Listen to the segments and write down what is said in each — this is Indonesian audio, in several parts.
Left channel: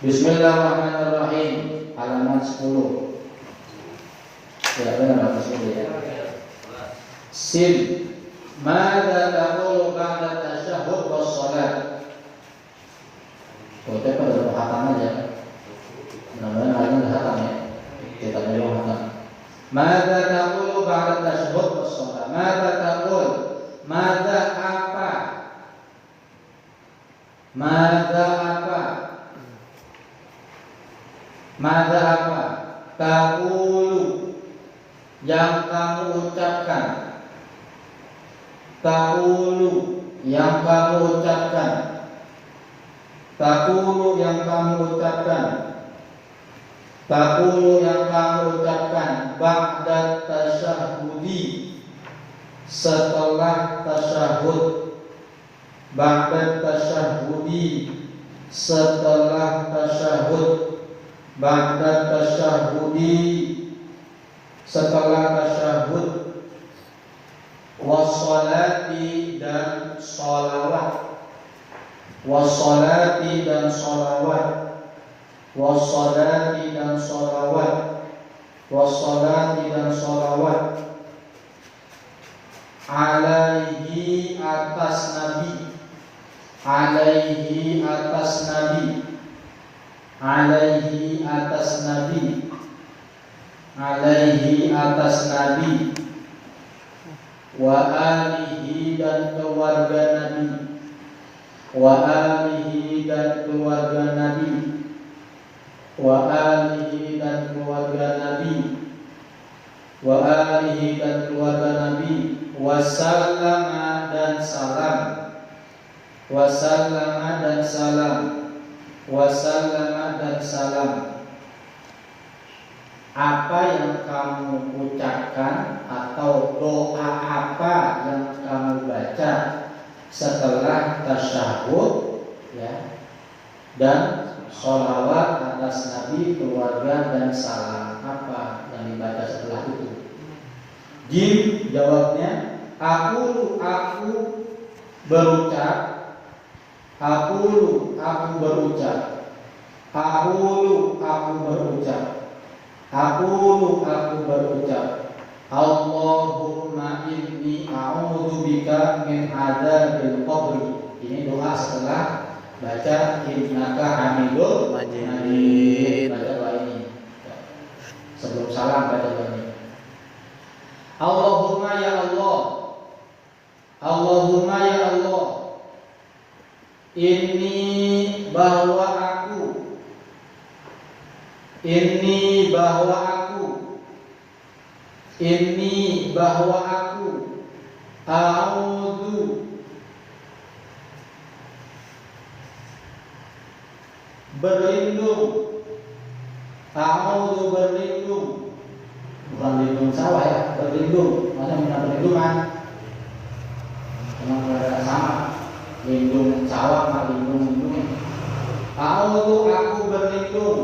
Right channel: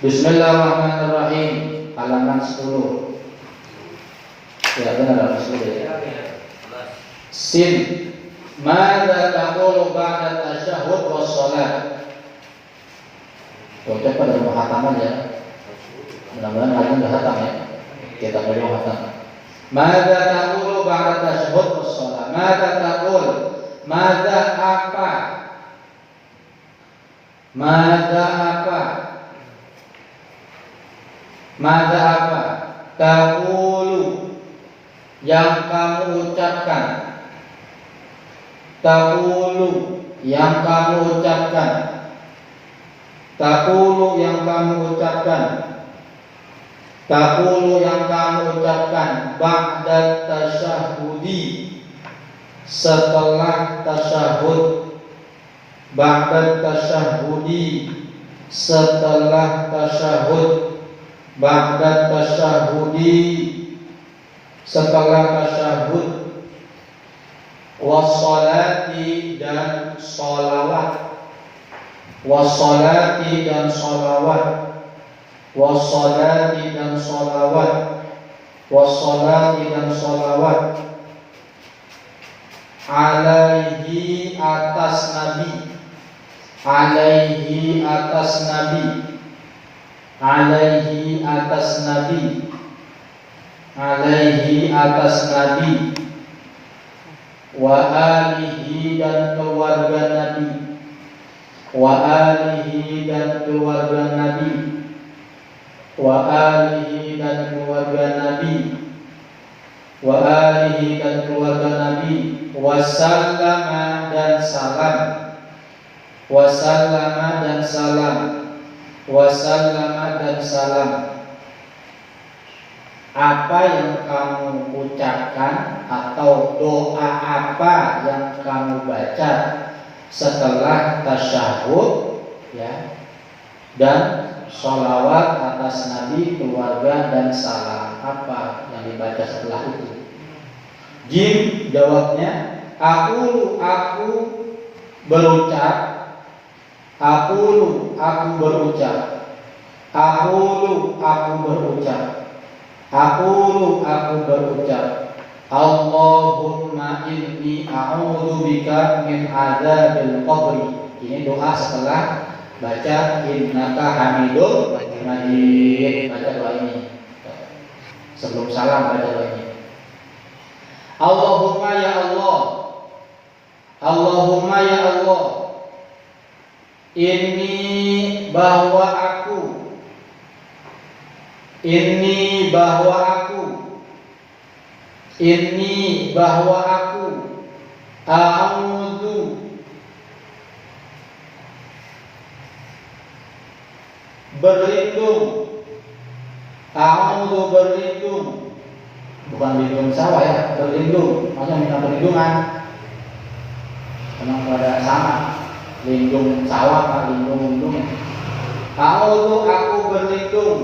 Bismillahirrahmanirrahim. Halaman 10. Ya benar Sin. Mada taqulu ba'da tasyahhud was shalat. Kita pada muhataman ya. Mudah-mudahan hari ini sudah hatam ya. Kita mulai hatam. Mada taqulu ba'da tasyahhud was shalat. Mada taqul. Mada apa? Mada apa? Mada apa? Taqulu, yang kamu ucapkan. Taqulu, yang kamu ucapkan. Taqulu, yang kamu ucapkan. Taqulu, yang kamu ucapkan. Ba'da tasyahudi, setelah tasyahud. Ba'da tasyahudi, setelah tasyahud. Ba'da tasyahudi, setelah tasyahud. Wassalati, dan sholawat. Wassalati, dan sholawat. Wassalati, dan sholawat. Wassalati, dan sholawat. Alaihi, atas Nabi. Alaihi, atas Nabi. Alaihi, atas Nabi. Alaihi, atas Nabi. Wa alihi, dan keluarga Nabi. Wa alihi, dan keluarga Nabi. Wa alihi, dan keluarga Nabi. Wa alihi, dan keluarga Nabi. Wasallama, dan salam. Wasallama, dan salam. Wasallama, dan salam. Apa yang kamu ucapkan atau doa apa yang kamu baca setelah tasyahud ya, dan sholawat atas Nabi, keluarga, dan salam, apa yang dibaca setelah itu? Jim, jawabnya, aku berucap. Aku berucap. Aku berucap. Aku berucap. Allahumma inni a'udzubika min adzabil qabri. Ini doa setelah baca innaka hamidun majid. Baca doa ini. sebelum salam baca doa ini. Allahumma ya Allah, Allahumma ya Allah, ini bahwa aku, ini bahwa aku, ini bahwa aku, a'udzu berlindung, a'udzu berlindung, bukan berlindung sawah ya, berlindung, macam minta perlindungan, memang pada sama, lindung sawah sama lindung. A'udzu aku berlindung,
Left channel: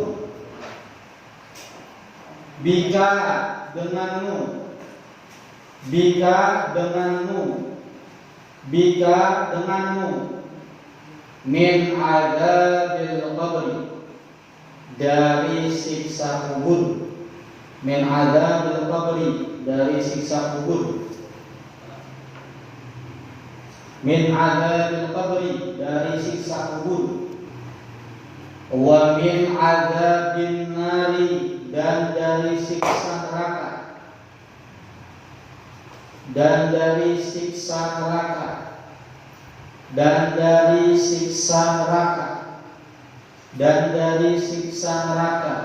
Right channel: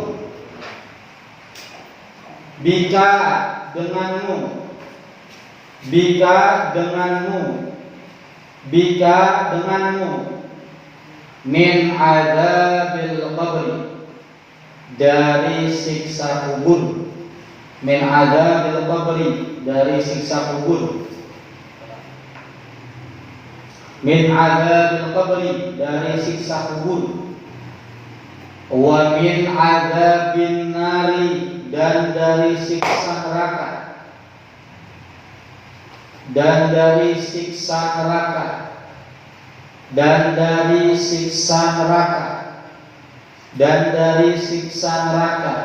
bika denganmu, bika denganmu, bika denganmu, min adzabil qabri dari siksa kubur, min adzabil qabri dari siksa kubur, min adzabil qabri dari siksa kubur, wa min adzabin nari dan dari siksa neraka, dan dari siksa neraka, dan dari siksa neraka, dan dari siksa neraka,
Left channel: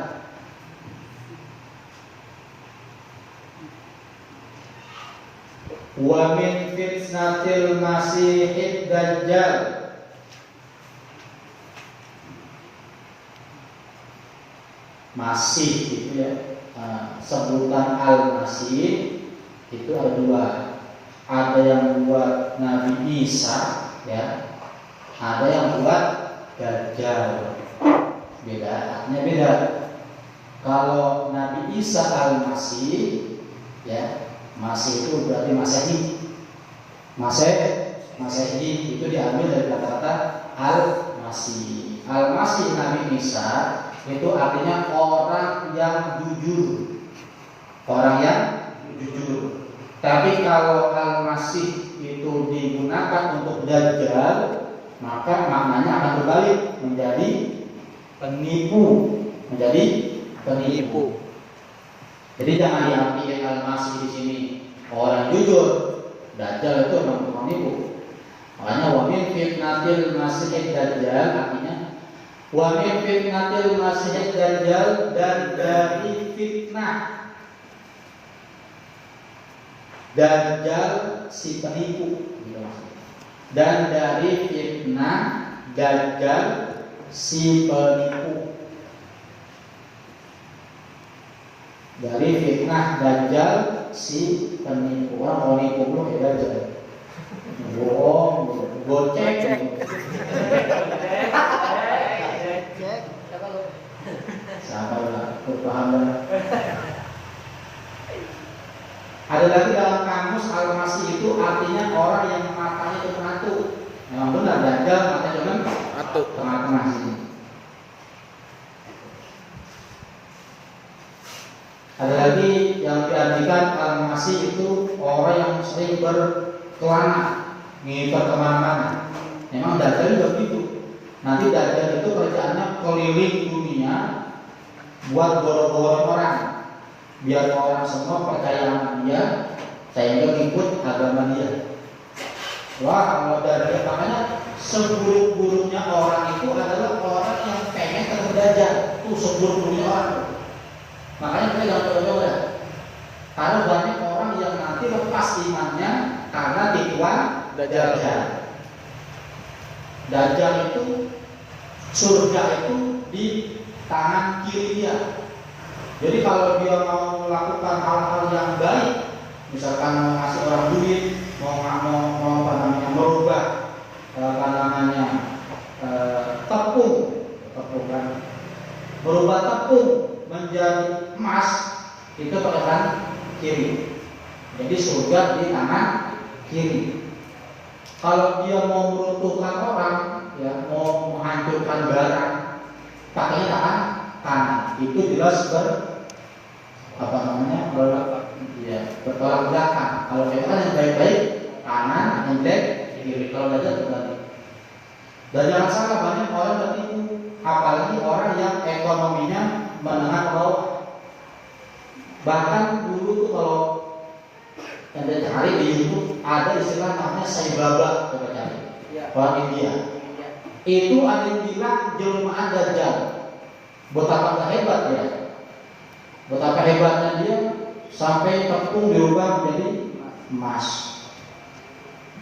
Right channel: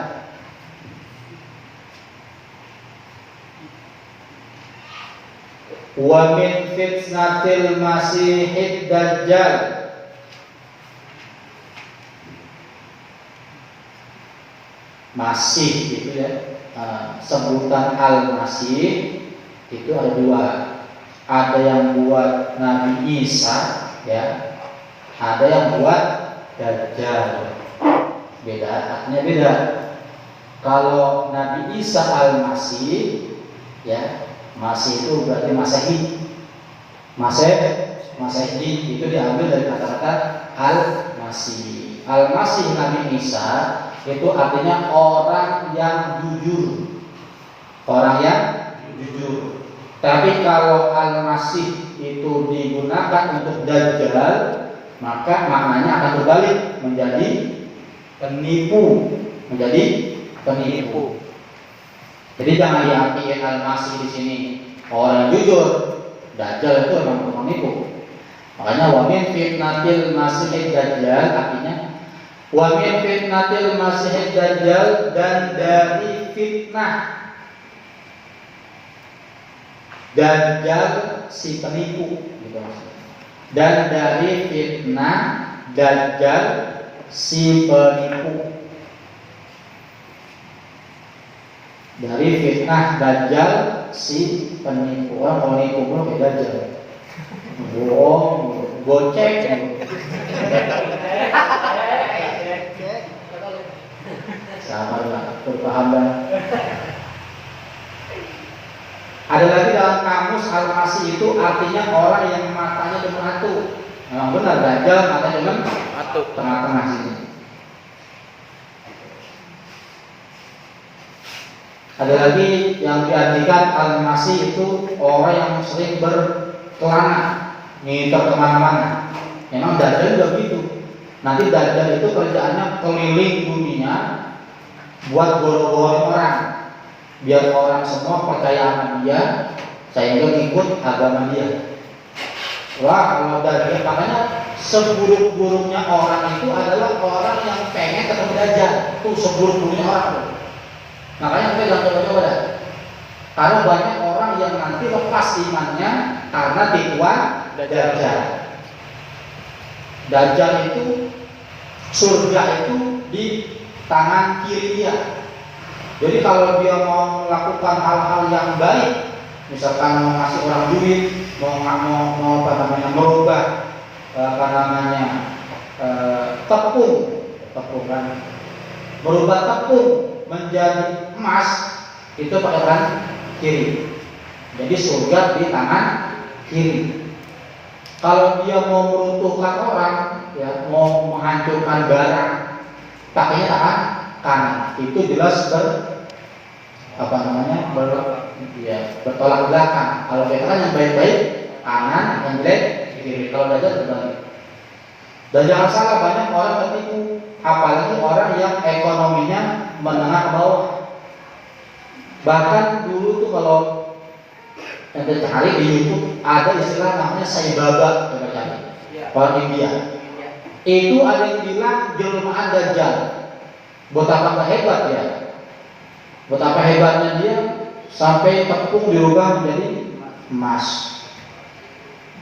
wa min fitnatil masihid dajjal, masih gitu ya, sebutan al-masih itu ada dua, ada yang buat Nabi Isa ya, ada yang buat Dajjal, beda, artinya beda. Kalau Nabi Isa al-Masih ya, Masih itu berarti Masehi, Masehi itu diambil dari kata-kata al-Masih. Al-Masih Nabi Isa itu artinya orang yang jujur, orang yang jujur. Tapi kalau al-masih itu digunakan untuk dajjal, maka maknanya akan berbalik menjadi penipu, menjadi penipu. Jadi jangan diartikan al-masih di sini orang jujur, dajjal itu memang penipu. Makanya wa min fitnatil masihid dajjal artinya wa min fitnatil masihid dajjal, dan dari fitnah Dajjal si penipu gitu maksudnya. Dan dari fitnah Dajjal si penipu. Dari fitnah Dajjal si penipu. Orang mau nipu lo kayak Dajjal. Bohong, gocek. Sama lah, berpahaman. Ada lagi dalam kamus al-masih itu artinya orang yang matanya cuma satu. Memang benar Dajjal matanya cuma satu, tengah-tengah sini. Ada lagi yang diartikan al-masih itu orang yang sering berkelana, ngiter kemana-mana. Memang Dajjal juga begitu. Nanti Dajjal itu kerjaannya keliling dunia buat boro-boro orang, biar orang semua percaya sama dia, sehingga ikut agama dia. Wah, kalau Dajjal, makanya seburuk-buruknya orang itu adalah orang yang pengen ketemu Dajjal. Itu seburuk-buruknya orang. Makanya kita jangan coba-coba dah. Karena banyak orang yang nanti lepas imannya karena tipuan Dajjal. Dajjal itu, surga itu di tangan kiri dia. Jadi kalau dia mau melakukan hal-hal yang baik, misalkan mau ngasih orang duit, mau merubah tepung kan, berubah tepung menjadi emas, itu pakai tangan kiri. Jadi surga di tangan kiri. Kalau dia mau meruntuhkan orang, ya, mau menghancurkan barang, pakainya tangan kanan. Itu jelas bertolak belakang. Kalau kita kan yang baik-baik kanan, yang jelek kiri. Kalau Dajjal berbalik. Dan jangan salah, banyak orang tertipu, apalagi orang yang ekonominya menengah ke bawah. Bahkan dulu tuh kalau ente cari di YouTube ada istilah namanya saibaba, coba cari. Orang India. Itu ada yang bilang jelmaan Dajjal. Betapa hebat ya. Betapa hebatnya dia sampai tepung dirubah menjadi emas.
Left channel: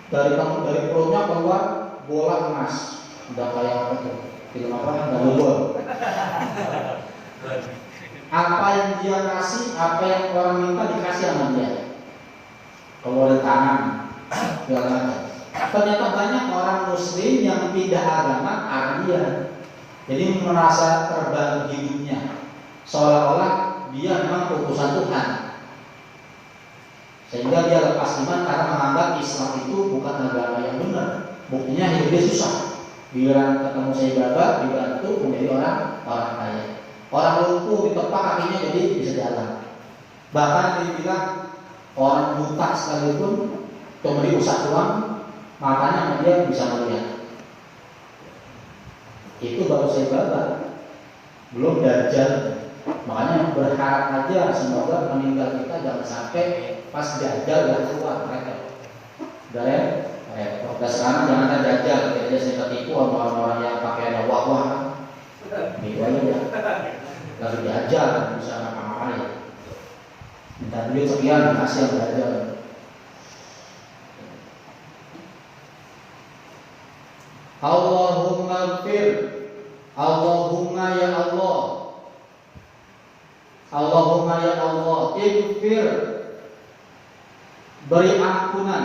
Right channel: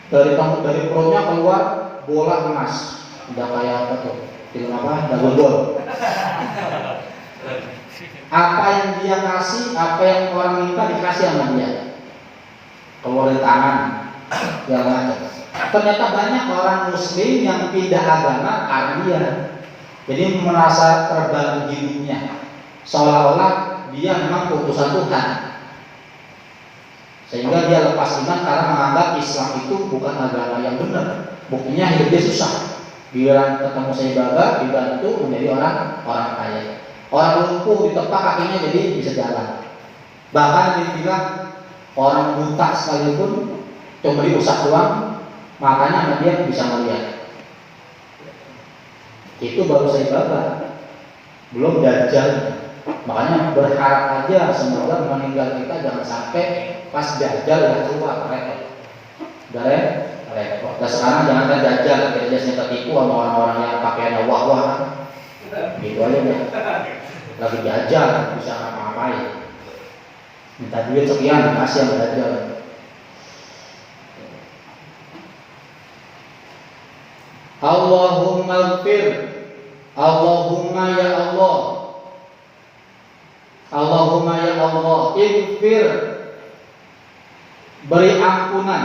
Dari perutnya keluar bola emas. Udah kayak apa tuh? Film apa? Dragon. Apa yang dia kasih, apa yang orang minta dikasih sama dia. Keluar dari tangan, segala macam. Ternyata banyak orang Muslim yang pindah agama karena dia. Jadi merasa terbantu hidupnya, seolah-olah dia memang putusan Tuhan. Sehingga dia lepas iman karena menganggap Islam itu bukan agama yang benar. Buktinya hidup dia susah. Bila ketemu saibaba dibantu menjadi orang kaya. Orang lumpuh ditepak kakinya jadi bisa jalan. Bahkan dibilang orang buta sekalipun cuma diusap doang, makanya dia bisa melihat. Itu baru saibaba, belum Dajjal. Makanya berharap aja semoga meninggal kita jangan sampai pas Dajjal yang keluar repot. Udah repot. Dan sekarang jangan Dajjal, biasanya tertipu sama orang-orang yang pakaian wah-wah. Gitu aja deh. Lagi Dajjal bisa ngapa-ngapain. Minta duit sekian dikasih yang Dajjal. Allahumma ighfir, Allahumma ya Allah, Allahumma ya Allah, ighfir, beri ampunan,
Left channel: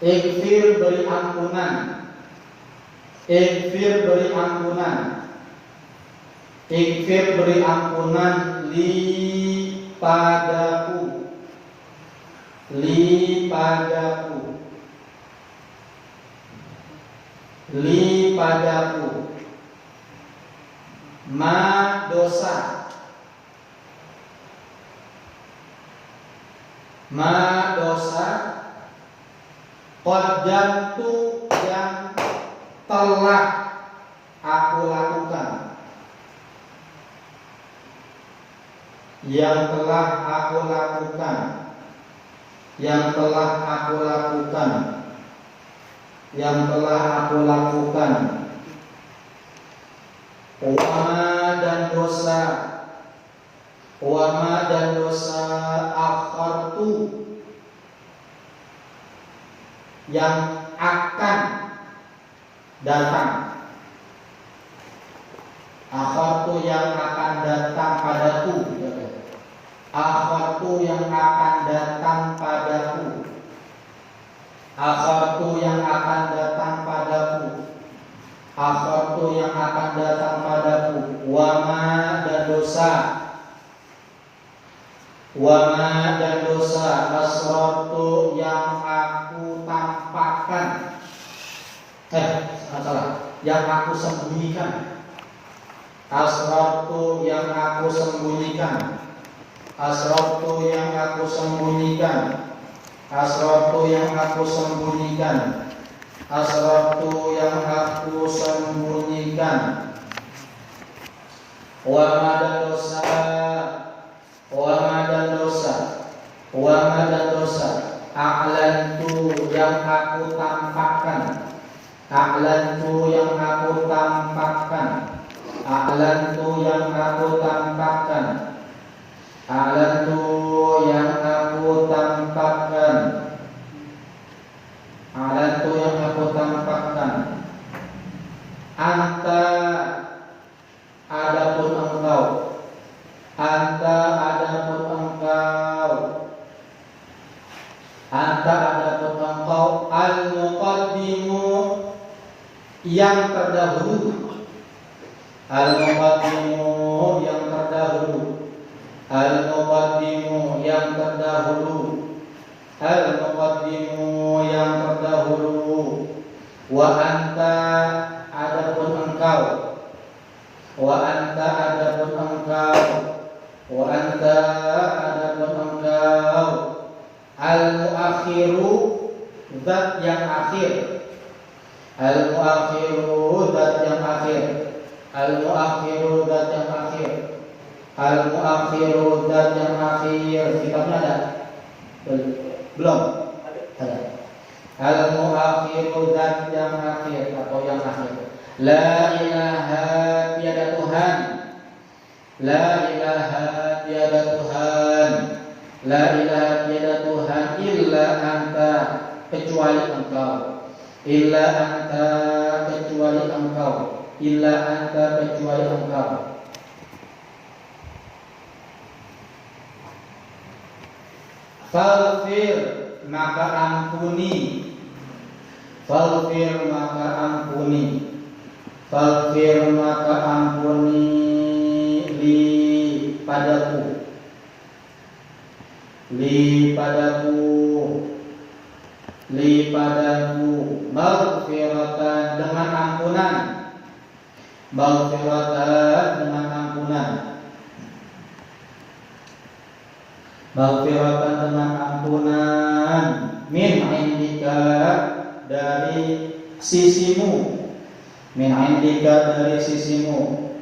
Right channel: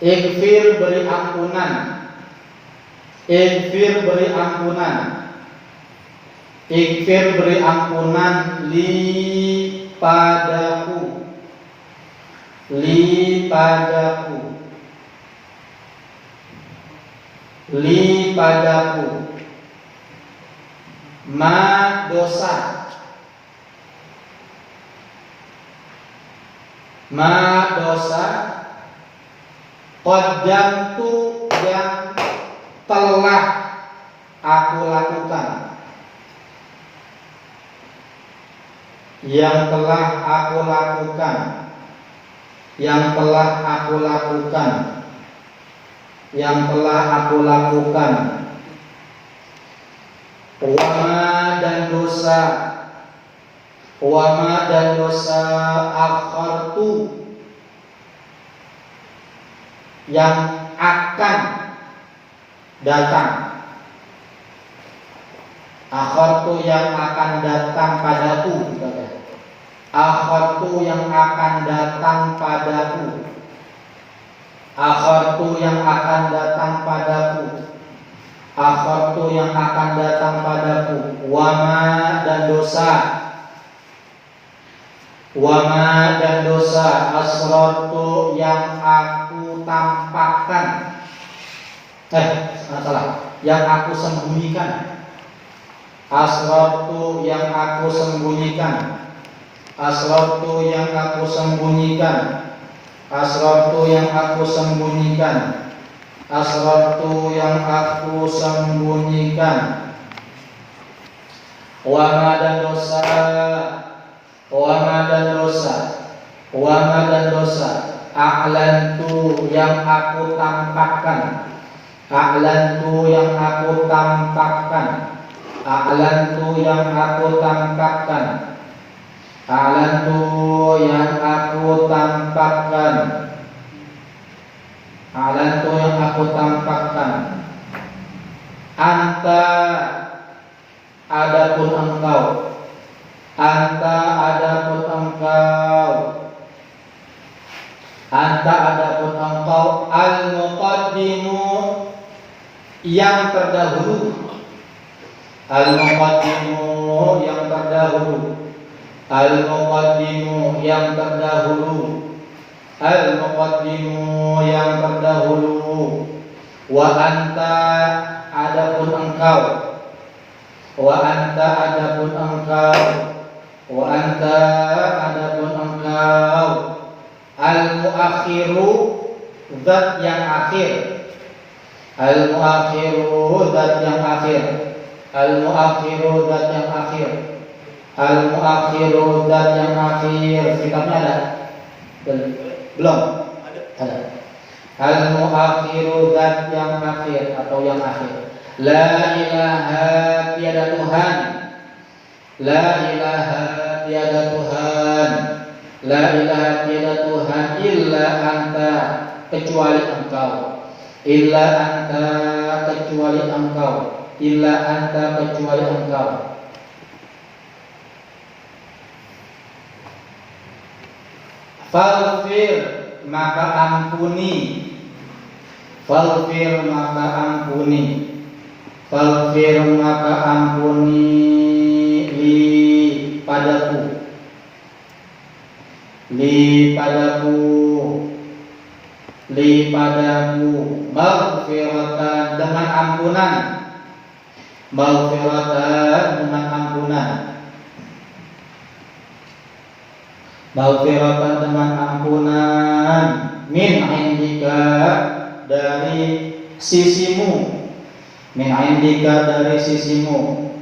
ighfir, beri ampunan, ighfir, beri ampunan, ighfir, beri ampunan li padaku, li padaku, li padaku, ma dosa, ma dosa, qaddamtu yang telah aku lakukan, yang telah aku lakukan, yang telah aku lakukan, yang telah aku lakukan, wama dan dosa, wama dan dosa akhartu yang akan datang, akhartu yang akan datang padaku, akhartu yang akan datang padaku, akhartu yang akan datang padaku, akhartu yang akan datang padaku, wama dan dosa, wama dan dosa, asrartu yang aku tampakkan, yang aku sembunyikan, asrartu yang aku sembunyikan, asrartu yang aku sembunyikan, asrartu yang aku sembunyikan, asrartu yang aku sembunyikan, wama dan dosa, wama dan dosa, wama dan dosa, a'lantu yang aku tampakkan, a'lantu yang aku tampakkan, a'lantu yang aku tampakkan, a'lantu yang aku tampakkan, a'lantu yang aku tampakkan, anta adapun engkau, anta adapun engkau, anta adapun engkau, al-muqaddimu yang terdahulu, al-muqaddimu yang terdahulu, al-muqaddimu yang terdahulu, al-muqaddimu yang terdahulu, wa anta adapun engkau, wa anta adapun engkau, wa anta adapun engkau, al-muakhiru zat yang akhir, al-muakhiru zat yang akhir, al-muakhiru zat yang akhir, Al-muakhiru zat yang akhir. Kitabnya ada? Belum? Ada. Al-muakhiru zat yang akhir atau yang akhir. La ilaha tiada Tuhan. La ilaha tiada Tuhan. La ilaha tiada Tuhan illa anta kecuali engkau. Illa anta kecuali engkau. Illa anta kecuali engkau. Faghfir maka ampuni. Faghfir maka ampuni. Faghfir maka ampuni li padaku. Li padaku. Li padamu. Maghfiratan dengan ampunan. Maghfiratan dengan ampunan. Maghfiratan dengan ampunan. Min indika dari sisimu. Min indika dari sisimu.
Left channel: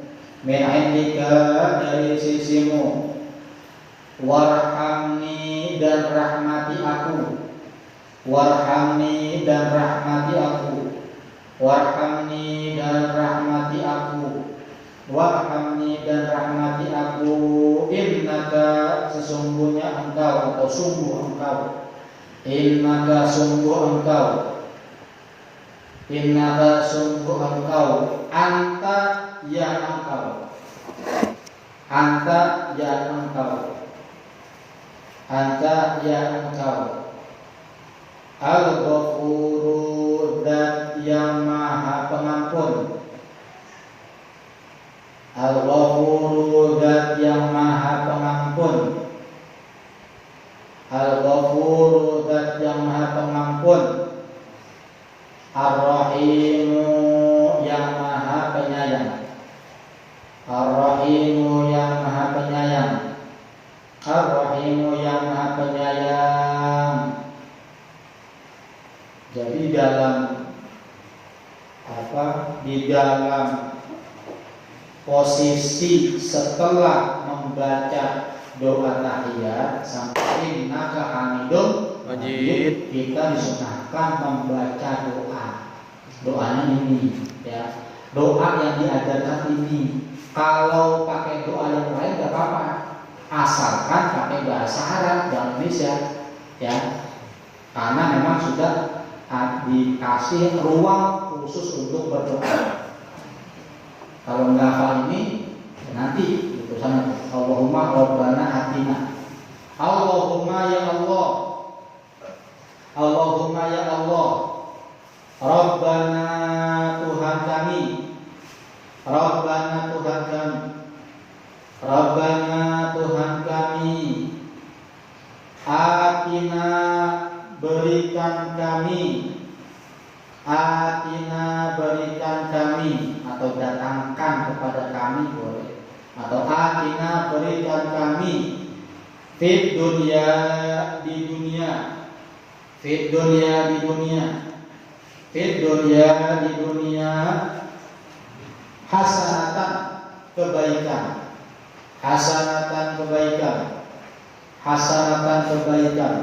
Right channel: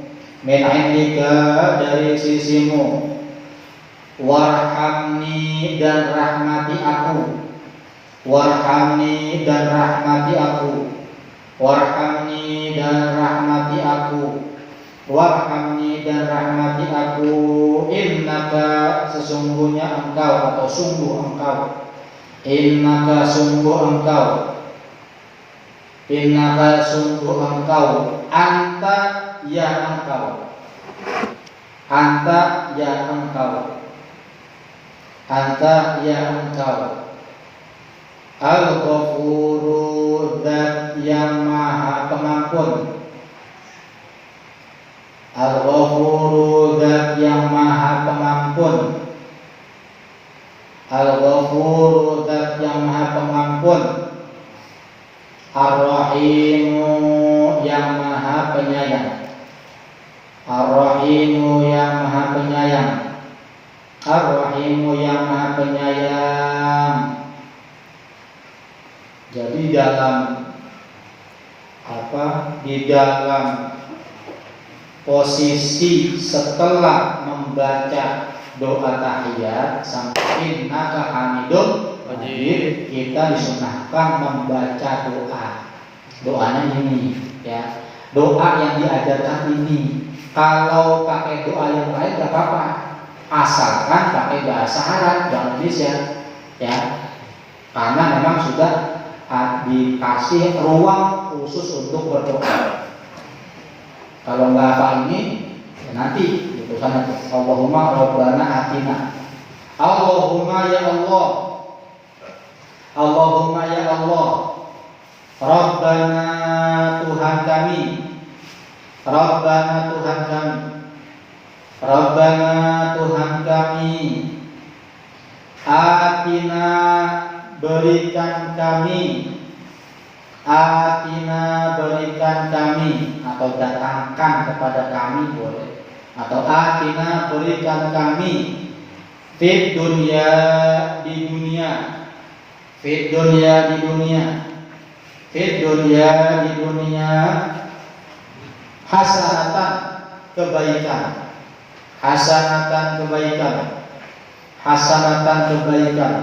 Min indika dari sisimu. Warhamni dan rahmati aku. Warhamni dan rahmati aku. Warhamni dan rahmati aku. Warhamni dan rahmati aku. Innaka sesungguhnya engkau atau sungguh engkau. Innaka sungguh engkau. Innaka sungguh engkau. Anta ya engkau. Anta ya engkau. Anta ya engkau. Al-Ghafuru zat yang maha pengampun. Al-Ghafuru zat yang maha pengampun. Al-Ghafuru zat yang maha pengampun. Ar-Rahimu yang maha penyayang. Ar-Rahimu yang maha penyayang. Ar-Rahimu yang maha penyayang. Jadi di dalam posisi setelah membaca doa tahiyat sampai innaka hamidum majid, kita disunahkan membaca doanya ini ya. Doa yang diajarkan ini. Kalau pakai doa yang lain gak apa-apa, asalkan pakai bahasa Arab dan Indonesia ya. Karena memang sudah dikasih ruang khusus untuk berdoa. Kalau nggak hafal ini ya nanti gitu sana. Allahumma rabbana atina. Allahumma ya Allah. Allahumma ya Allah. Rabbana Tuhan kami. Rabbana Tuhan kami. Rabbana Tuhan kami. Atina berikan kami. Atina berikan kami, atau datangkan kepada kami boleh, atau atina berikan kami. Fid dunya di dunia. Fid dunya di dunia. Fid dunya di dunia. Hasanatan kebaikan. Hasanatan kebaikan. Hasanatan kebaikan.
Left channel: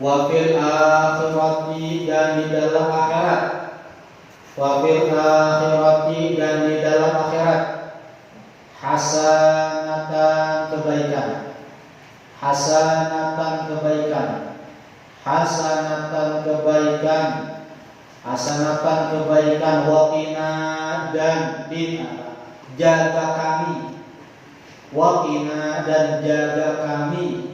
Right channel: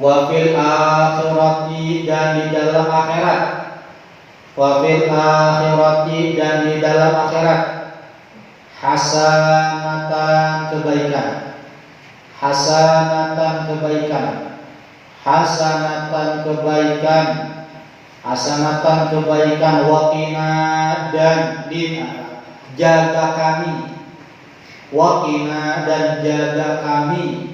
Wa fil akhirati dan di dalam akhirat. Wa fil akhirati dan di dalam akhirat. Hasanatan kebaikan. Hasanatan kebaikan. Hasanatan kebaikan. Hasanatan kebaikan. Waqina dan jaga kami. Waqina dan jaga kami.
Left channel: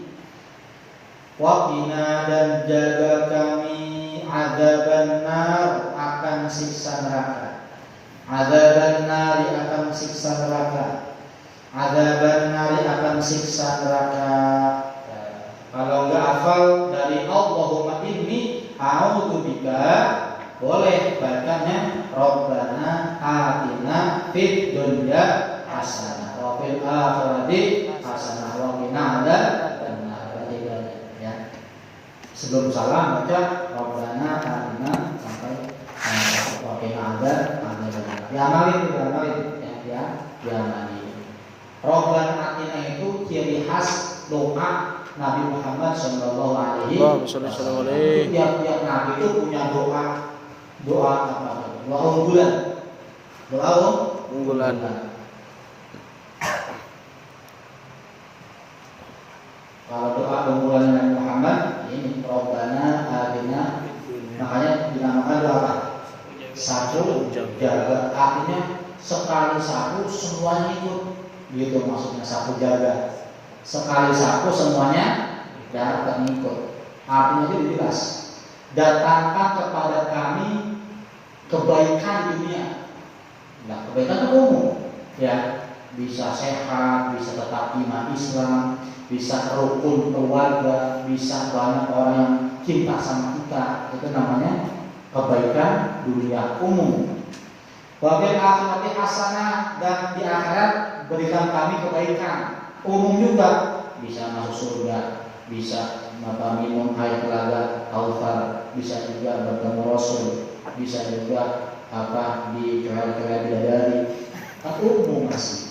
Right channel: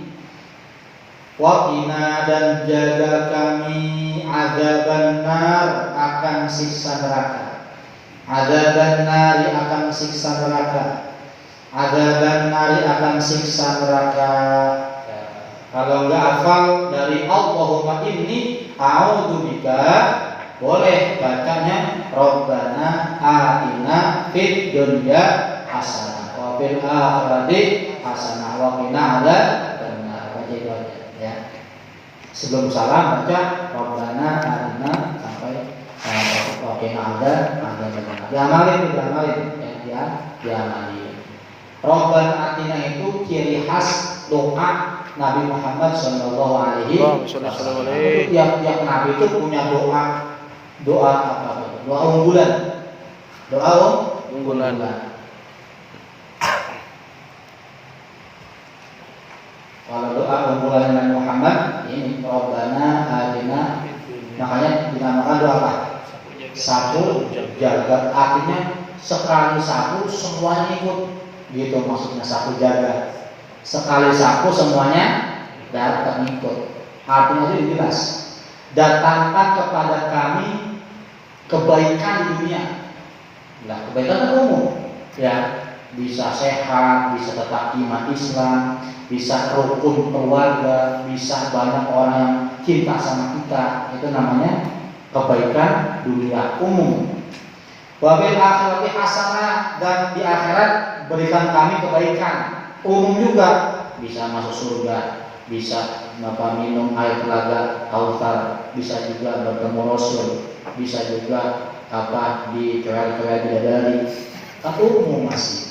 Waqina dan jaga kami adzaban nar akan siksa neraka. Adzaban nar akan siksa neraka. Adzaban nar akan siksa neraka. Kalau enggak hafal dari Allahumma inni a'udzubika, boleh bacanya Rabbana atina fid dunya hasanah wa fil akhirati hasanah wa qina adzaban nar. Ya. Sebelum salam baca Rabbana atina sampai wa qina adzaban nar. Diamalin ya, diamalin. Rabbana atina itu ciri khas doa Nabi Muhammad Shallallahu Alaihi Wasallam. Tiap Nabi itu punya doa apa? Doa unggulan. Doa unggulan. Kalau doa unggulan Nabi Muhammad ini Rabbana atina, makanya dinamakan doa apa? Sapu jagat, artinya sekali sapu semuanya ikut, gitu maksudnya sapu jagat. Sekali sapu semuanya datang ikut. Artinya itu jelas. Datangkan kepada kami kebaikan dunia. Nah, kebaikan itu umum, ya. Bisa sehat, bisa tetap iman Islam, bisa rukun keluarga, bisa banyak orang yang cinta sama kita. Itu namanya kebaikan dunia umum. Wabil akhirati hasanah, dan di akhirat berikan kami kebaikan umum juga, bisa masuk surga, bisa minum air telaga Kautsar, bisa juga bertemu Rasul, bisa juga dikerai-kerai bidadari, itu umum masih.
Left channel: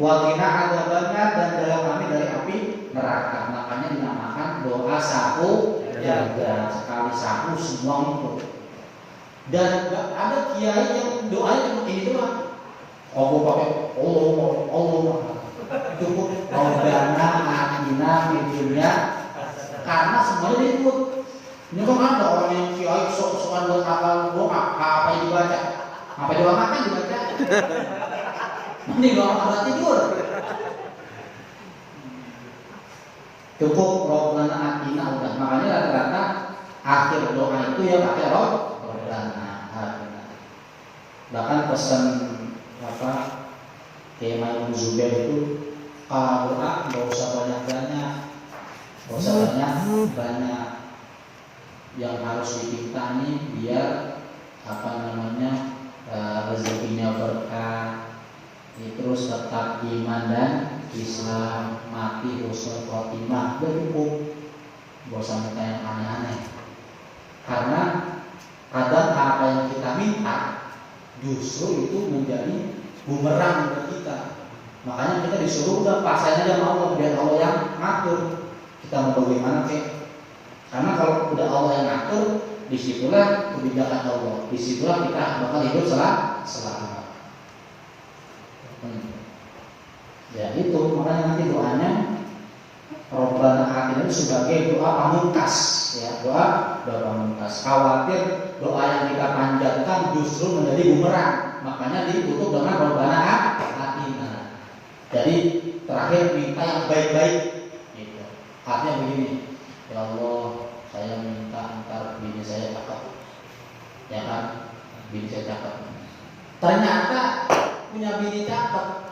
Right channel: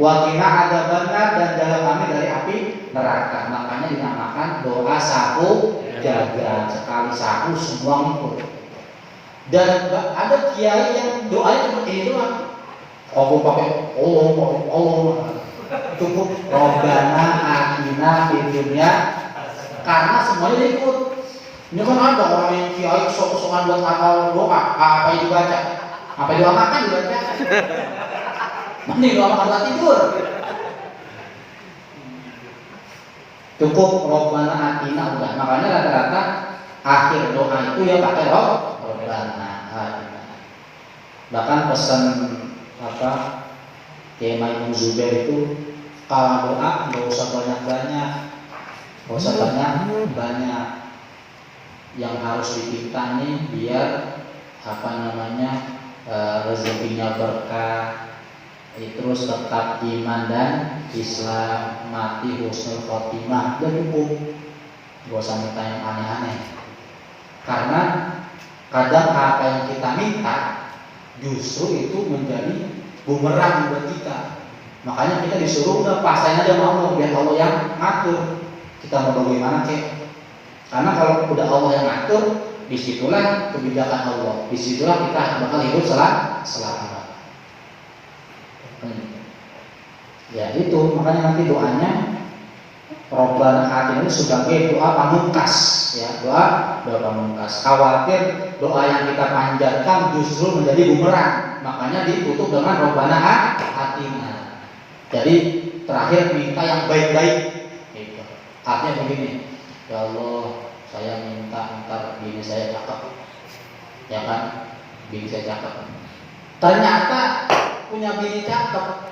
Wakina ada benar dan jaga kami dari api neraka. Makanya dinamakan doa sapu jaga, sekali sapu semua ikut. Dan ada kiai yang doanya cuma ini doang. Aku pakai Allah cukup Rabbana atina fid dunya, karena semuanya ikut. Ini kan ada orang yang kiai sok-sokan buat hafal doa, apa yang dibaca, apa yang doa makan dibaca. Ini doa makan tidur. Cukup Rabbana atina udah. Makanya rata-rata akhir doa itu ya pakai Rabbana atina. Bahkan pesan Kiai Maimun Zubair itu, kalau doa nggak usah banyak-banyak, yang harus dipinta nih biar rezekinya berkah, terus tetap iman dan Islam, mati husnul khotimah, udah cukup, gak usah minta yang aneh-aneh. Karena kadang apa yang kita minta justru itu menjadi bumerang buat kita. Makanya kita disuruh udah pasrah aja sama Allah, biar Allah yang ngatur. Kita mau bagaimana kek? Karena kalau udah Allah yang ngatur, disitulah kebijakan Allah, disitulah kita bakal hidup selamat. Ya itu, makanya nanti doanya Rabbana atina itu sebagai doa pamungkas, ya, doa pamungkas. Khawatir doa yang kita panjatkan justru menjadi bumerang, makanya ditutup dengan Rabbana atina. Jadi terakhir minta yang baik-baik. Gitu. Artinya begini, ya Allah, saya minta ntar bini saya cakep, ya kan? Bini saya cakep. Ternyata punya bini cakep,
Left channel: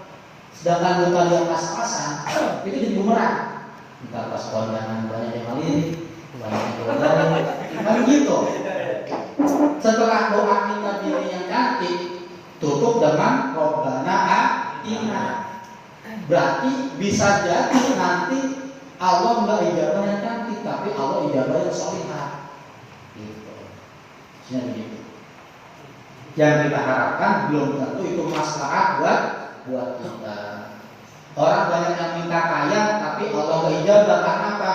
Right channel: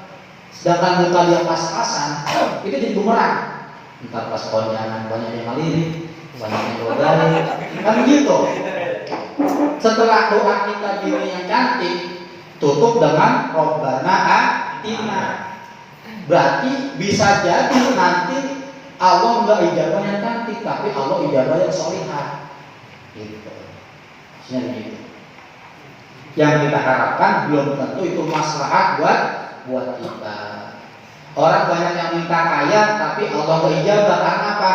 sedangkan muka dia pas-pasan, itu jadi bumerang. Ntar pas kondangan banyak yang malirik, banyak yang godali, kan gitu. Setelah doa kita bini yang cantik, tutup dengan Rabbana atina. Berarti bisa jadi nanti Allah enggak ijabah yang cantik, tapi Allah ijabah yang sholihah. Gitu. Maksudnya begitu. Yang kita harapkan belum tentu itu maslahat buat kita. Orang banyak yang minta kaya, tapi Allah enggak ijabah. Karena apa?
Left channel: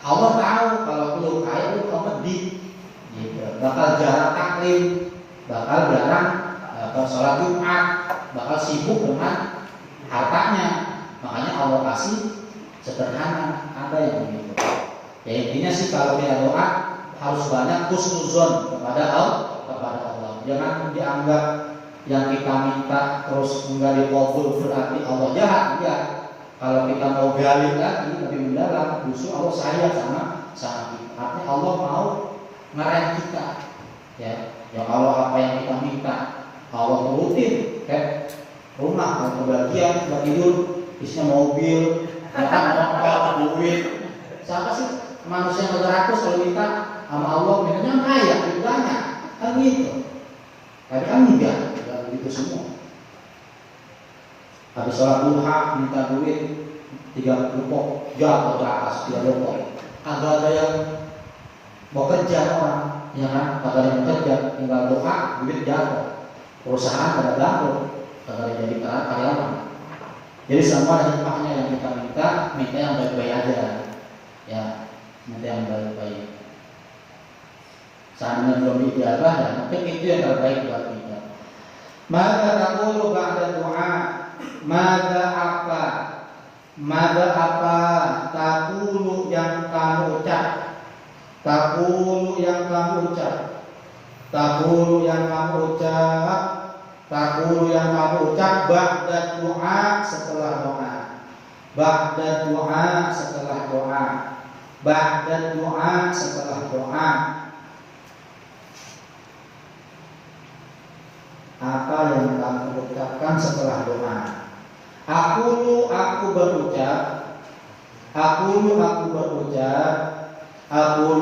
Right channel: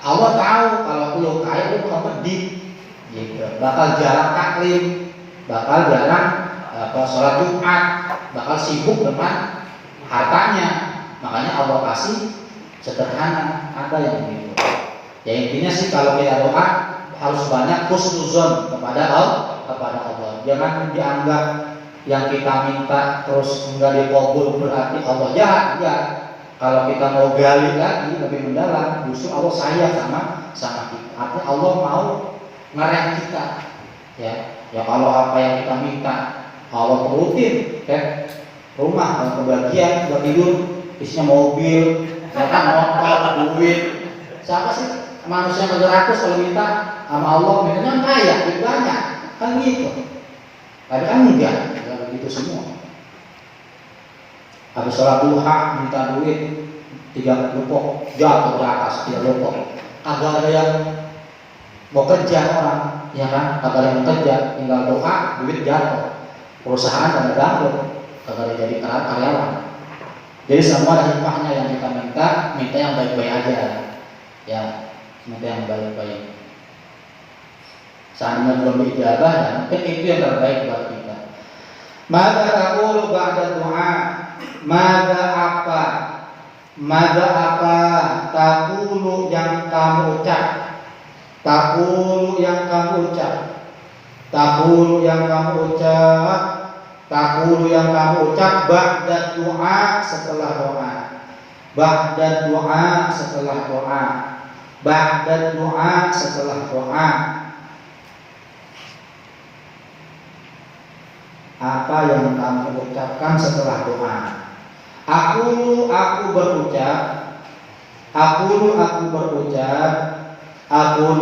Allah tahu kalau lu kaya lu medit, gitu. Bakal jarang taklim, bakal jarang sholat Jumat, bakal sibuk dengan hartanya. Makanya Allah kasih sederhana, ada yang begitu. Ya intinya sih kalau kita doa harus banyak husnuzon kepada Allah. Jangan dianggap yang kita minta terus enggak dikabul berarti Allah jahat. Enggak. Kalau kita mau gali lagi lebih mendalam, justru Allah sayang sama kita. Artinya Allah mau ngerem kita. Ya kalau apa yang kita minta Allah turutin, kayak rumah yang kebagian buat tidur, isinya mobil, motor, duit. Siapa sih manusia yang 300 kalau minta sama Allah mintanya kaya, duit banyak, kan gitu. Tapi kan enggak begitu semua. Habis sholat duha minta duit 3 lupok, jatuh ke atas 3 lupok. Agak ada yang mau kerja orang, ya kan? Agak ada yang kerja, tinggal doa, duit jatuh. Perusahaan pada bangkrut, agak ada jadi karyawan. Jadi semua ada hikmahnya yang kita minta yang baik-baik aja, ya, minta yang baik-baik. Seandainya belum diijabah, ya mungkin itu yang terbaik buat kita. Maka taqulu ba'da du'a, maka apa taqulu yang kamu ucap, taqulu yang kamu ucap, taqulu yang kamu ucap, taqulu yang kamu ucap ba'da du'a setelah doa, ba'da du'a setelah doa, ba'da du'a setelah doa. Apa yang kamu ucapkan setelah doa? Aku berucap, aku berucap, aku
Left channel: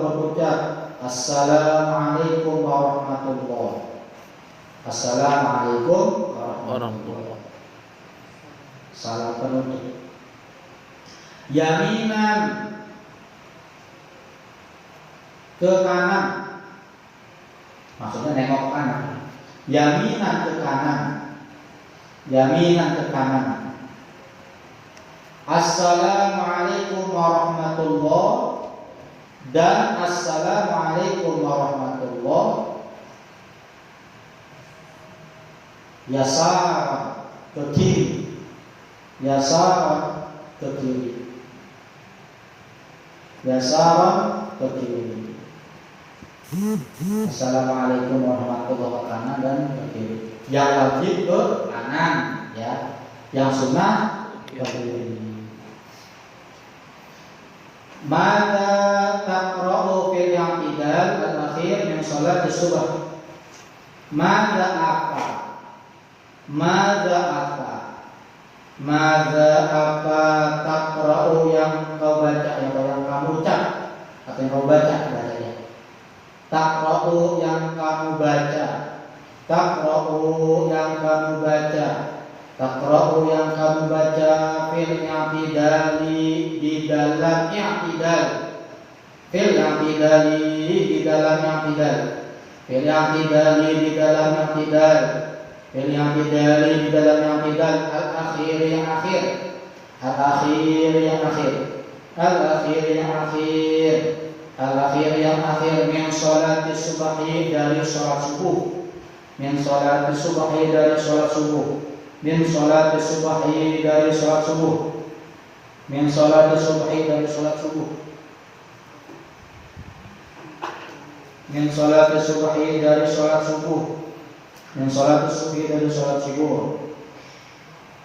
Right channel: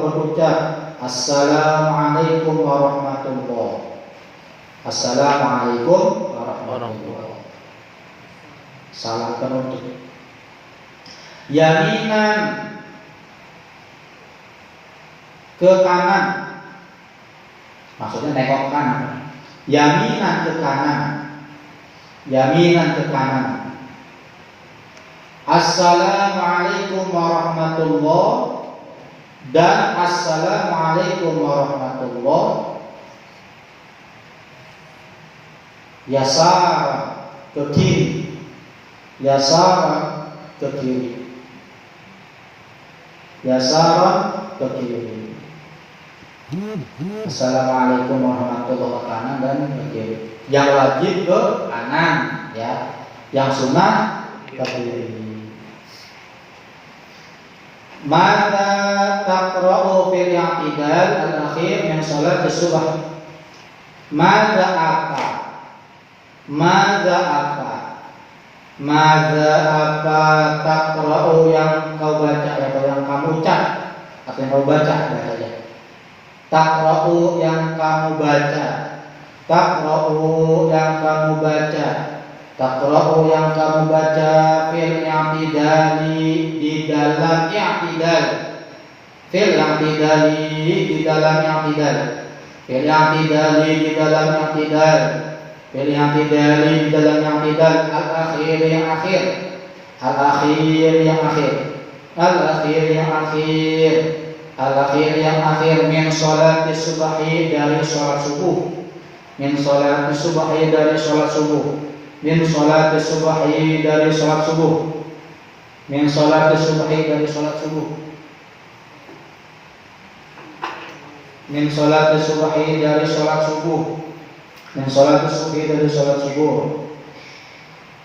berucap. Assalamualaikum warahmatullahi. Assalamualaikum warahmatullahi. Salam penutup. Yaminan ke kanan, maksudnya nengok kanan. Yaminan ke kanan, yaminan ke kanan. Assalamualaikum warahmatullahi dan assalamualaikum warahmatullahi. Yasar ke kiri, yasar ke kiri, yasar ke kiri. Assalamualaikum warahmatullahi wabarakatuh kanan dan ke kiri. Yang wajib ke kanan, ya. Yang sunnah ke kiri. Maka taqra'u fil i'tidal al-akhir min salat as-subh. Maka apa? Maka apa? Maka apa taqra'u yang kau baca atau yang kamu ucap atau yang kau baca bacanya. Taqra'u yang kamu baca, taqra'u yang kamu baca, taqra'u yang kamu baca fil i'tidali di dalam i'tidal, fil i'tidali di dalam i'tidal, fil i'tidali di dalam i'tidal, fil i'tidali di dalam i'tidal, al-akhir yang akhir, al-akhir yang akhir, al-akhir yang akhir, al-akhir yang akhir min salat subhi dari salat subuh, min salat subhi dari salat subuh, min salat subhi dari salat subuh, min salat subhi dari salat subuh, min salat subhi dari salat subuh, min salat subhi dari salat subuh.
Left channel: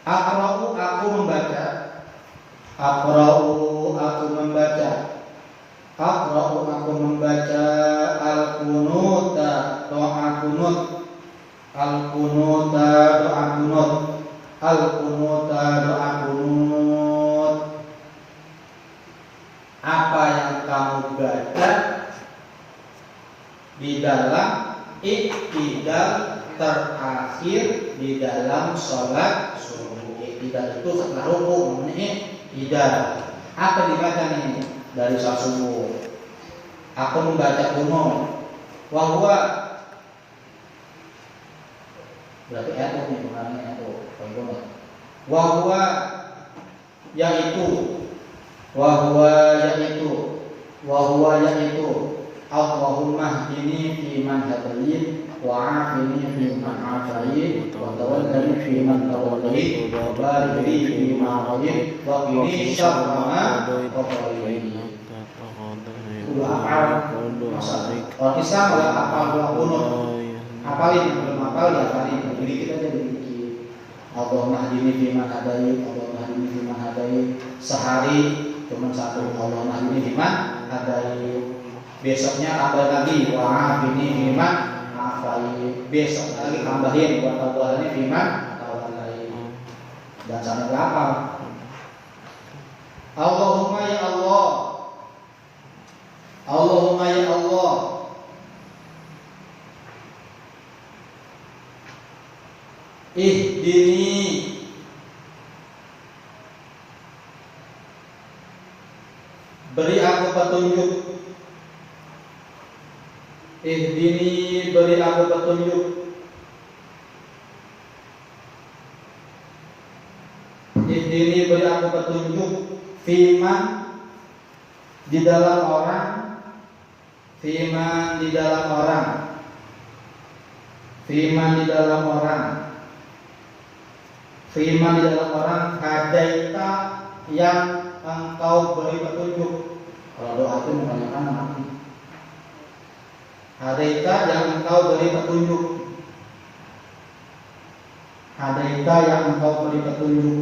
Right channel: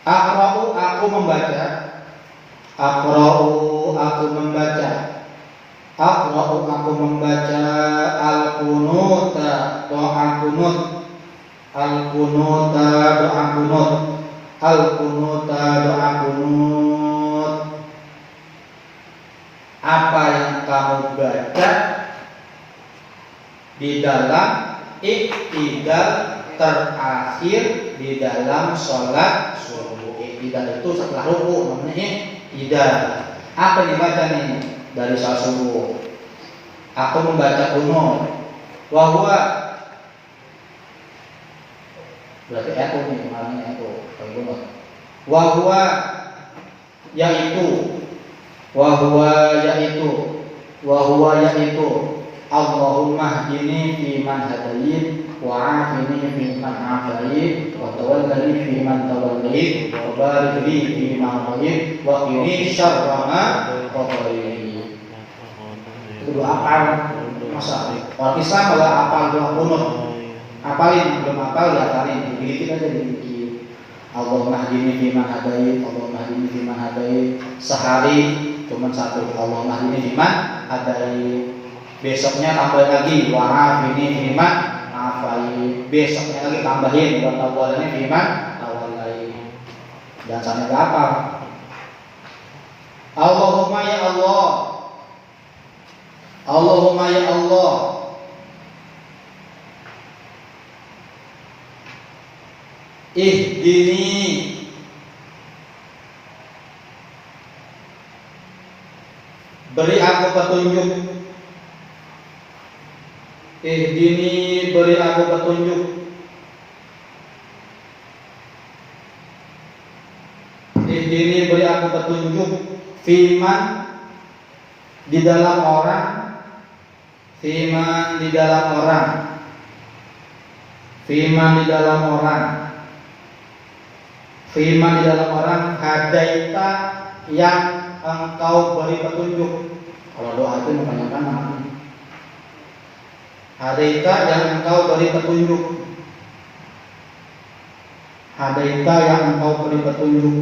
Aqra'u aku membaca, aqra'u aku membaca, aqra'u aku membaca al-qunuta doa kunut, al-qunuta doa kunut, al-qunuta doa kunut. Apa yang kamu baca di dalam i'tidal terakhir di dalam sholat subuh. I'tidal itu setelah ruku namanya i'tidal. Apa dibaca nih dari sholat subuh? Aku membaca kunut. Wa huwa berarti itu nih pengarangnya itu kunut. Wa huwa yaitu, wa huwa yaitu, wa huwa yaitu Allahumma hdini fi man hadayit wa afini fi man afayit wa tawallani fi man tawallait wa barik li fi ma a'tait wa qini syarra ma qadait. Itu apal masa orang Islam kalau apal doa kunut, apalin belum apal ya apalin dikit aja dikit. Allahumma hdini fi man hadayit, Allahumma hdini fi man hadayit. Sehari cuma satu, Allahumma hdini fi man hadayit. Besoknya tambah lagi wa'afini fiman afai. Besoknya lagi tambahin wa tawallani fiman tawallai. Dan sampai berapa? Allahumma ya Allah, Allahumma ya Allah, ihdini beri aku petunjuk, ihdini beri aku petunjuk, berikan petunjuk firman di dalam orang, firman di dalam orang, firman di dalam orang, firman di dalam orang, hadaita yang engkau beri petunjuk. Kalau doa itu menggunakan namanya hadaita yang engkau beri petunjuk, hadaita yang engkau beri petunjuk,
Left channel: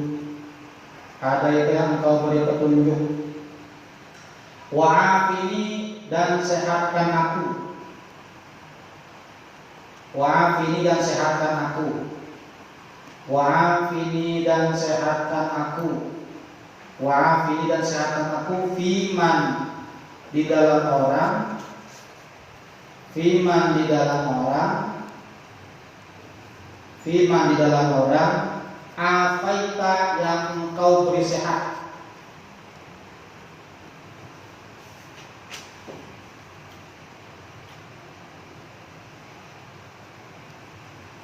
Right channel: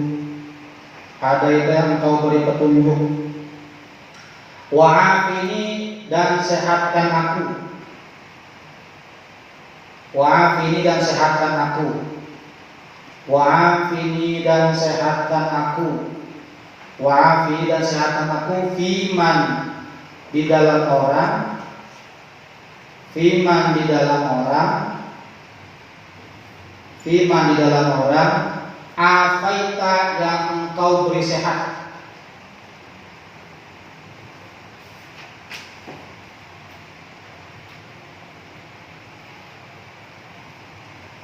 hadaita yang engkau beri petunjuk. Wa'afini dan sehatkan aku, wa'afini dan sehatkan aku, wa'afini dan sehatkan aku, wa'afini dan sehatkan aku. Fiman di dalam orang, firman di dalam orang, firman di dalam orang, afaita yang engkau beri sehat,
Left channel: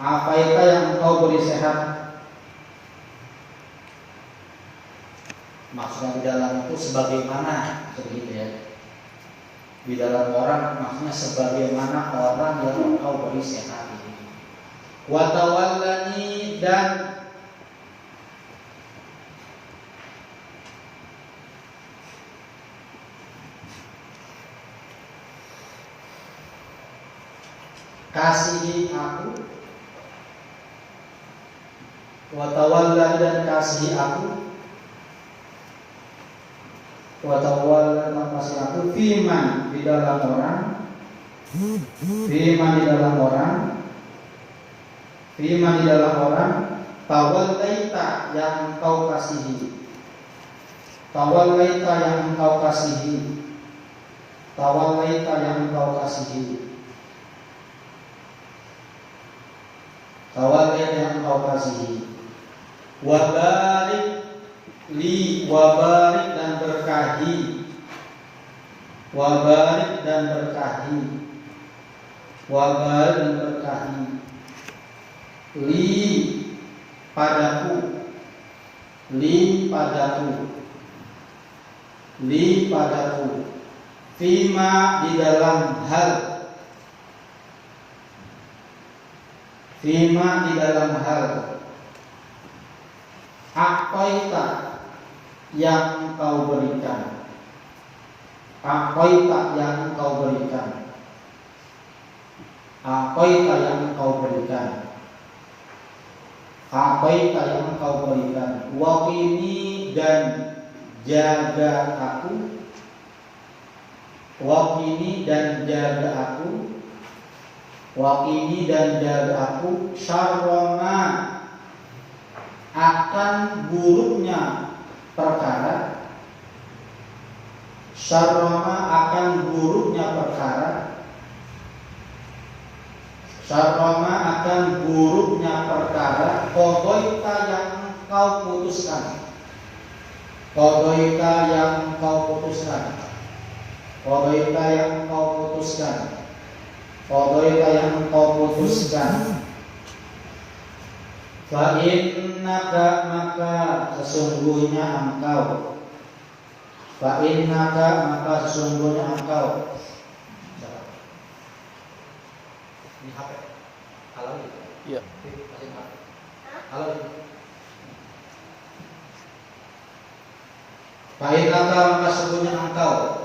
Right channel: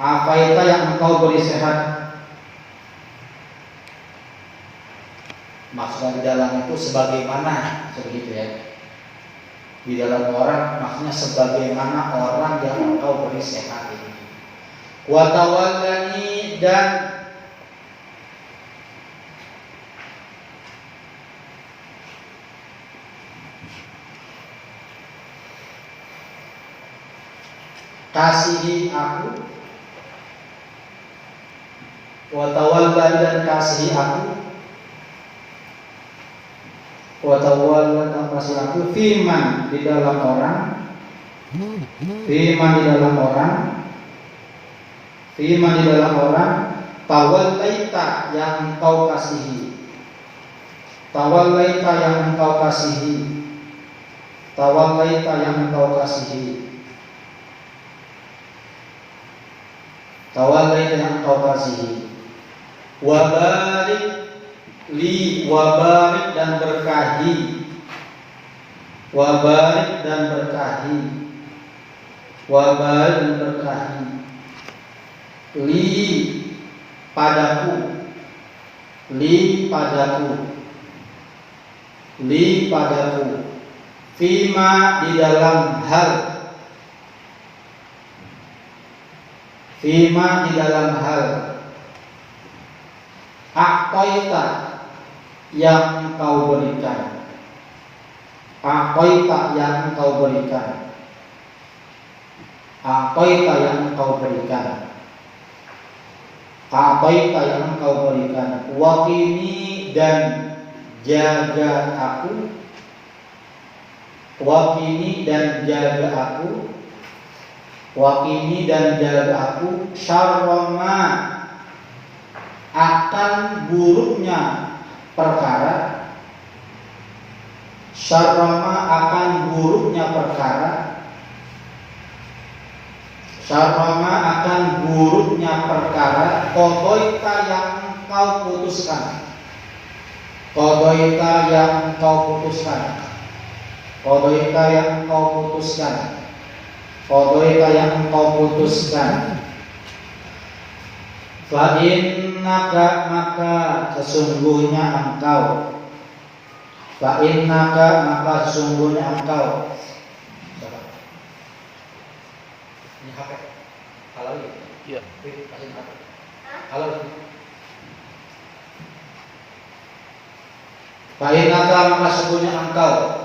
afaita yang engkau beri sehat. Maksudnya di dalam itu sebagaimana, begitu ya. Di dalam orang maksudnya sebagaimana orang yang engkau beri sehat ini. Wa tawallani dan kasihi aku, wa tawallani dan kasihi aku, wa tawallani dan kasihi aku. Firman di dalam orang, firman di dalam orang, firman di dalam orang. Tawallaita yang engkau kasihi, tawallaita yang engkau kasihi, tawallaita yang engkau kasihi, tawallaita yang engkau kasihi. Wabarik li, wabarik dan berkahi, wabarik dan berkahi, wabarik dan berkahi. Li padaku, li padaku, li padaku. Fima di dalam hal, fima di dalam hal. Aqaita yang engkau berikan, aqaita yang engkau berikan, aqaita yang engkau berikan, aqaita yang engkau berikan. Waqini dan jaga aku, waqini dan jaga aku, waqini dan jaga aku. Syarrama akan buruknya perkara, syarrama akan buruknya perkara, syarrama akan buruknya perkara. Qadaita yang engkau putuskan, qadaita yang engkau putuskan, qadaita yang engkau putuskan, qadaita yang engkau putuskan. Fa innaka maka sesungguhnya engkau, fa innaka maka sesungguhnya engkau. Ini HP. Halo gitu. Iya. Kasih HP. Halo. Fa innaka maka sesungguhnya engkau.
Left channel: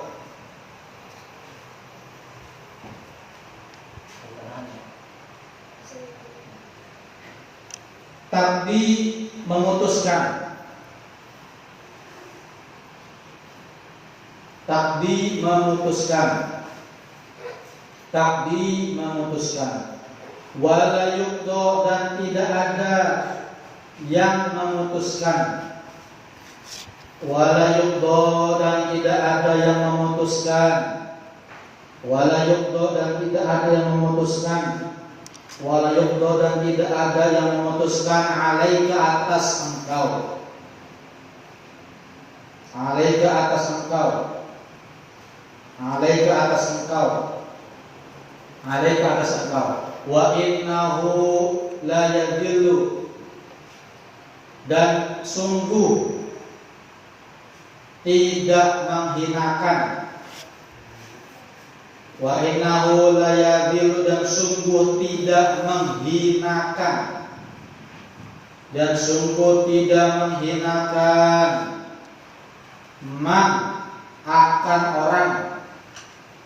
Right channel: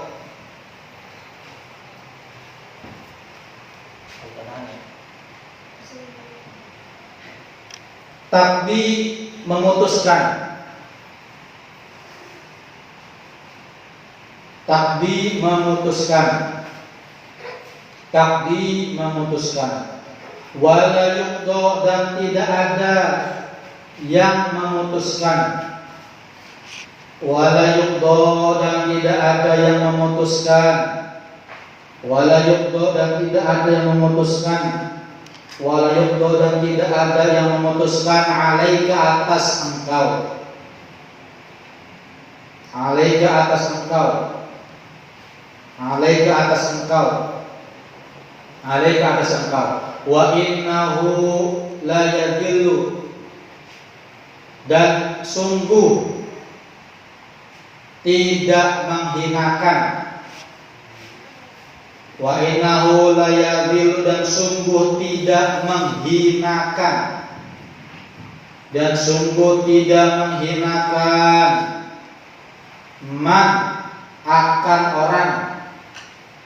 Tapi memutuskan, takdi memutuskan, takdi memutuskan. Wala yuqda dan tidak ada yang memutuskan, wala yuqda dan tidak ada yang memutuskan, wala yuqda dan tidak ada yang memutuskan, wala yuqda dan tidak ada yang memutuskan. Alaika atas engkau, alaika atas engkau, alaika atas engkau, alaika atas engkau. Wa innahu la yadhillu dan sungguh tidak menghinakan. Wa innahu la yadhillu, dan sungguh tidak menghinakan, dan sungguh tidak menghinakan man akan orang,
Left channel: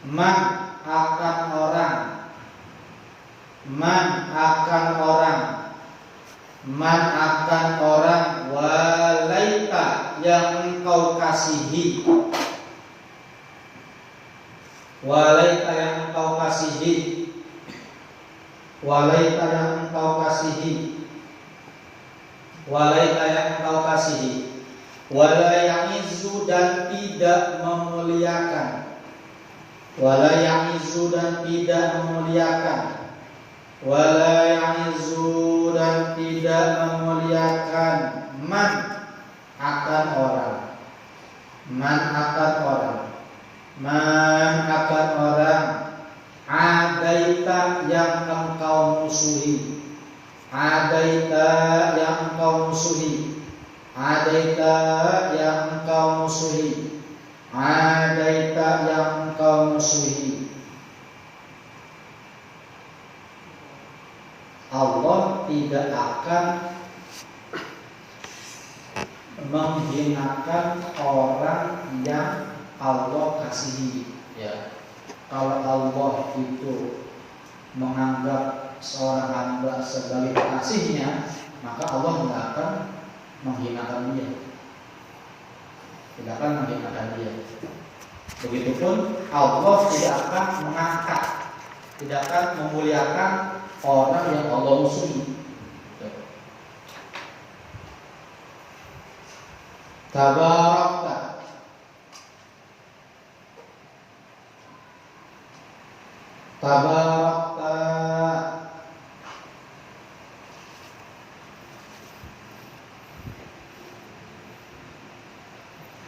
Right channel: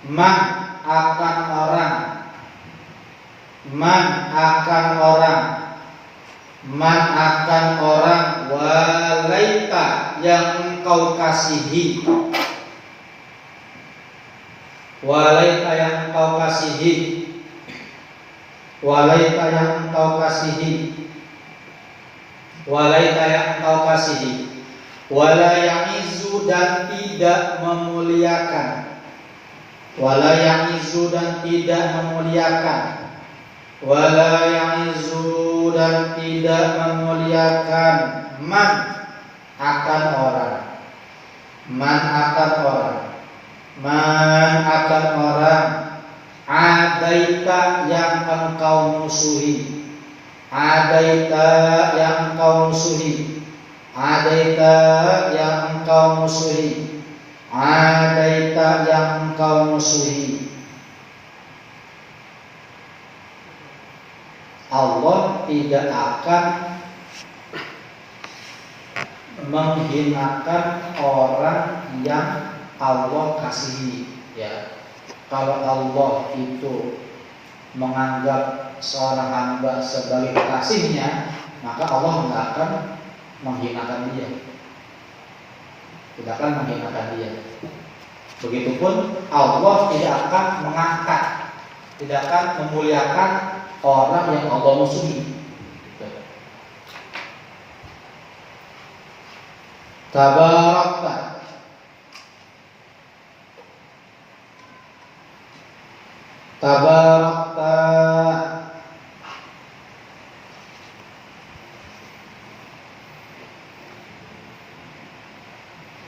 man akan orang, man akan orang, man akan orang, walaita yang engkau kasihi, walaita yang engkau kasihi, walaita yang engkau kasihi, walaita yang engkau kasihi, wala ya'izu, dan tidak memuliakan, wala ya'izu, dan tidak memuliakan, wala ya'izu, dan tidak memuliakan man akan orang, man akan orang, man akan orang, adaita yang engkau musuhi, adaita yang engkau musuhi, adaita yang engkau musuhi, adaita yang engkau musuhi. Allah tidak akan menghinakan orang yang Allah kasihi. Ya, kalau Allah itu menganggap seorang hamba sebagai kekasihnya, maka Allah tidak akan menghinakan dia, tidak akan menghinakan dia. Begitupun Allah tidak akan mengangkat, tidak akan memuliakan orang yang Allah musuhi. Tabarakta, tabarakta,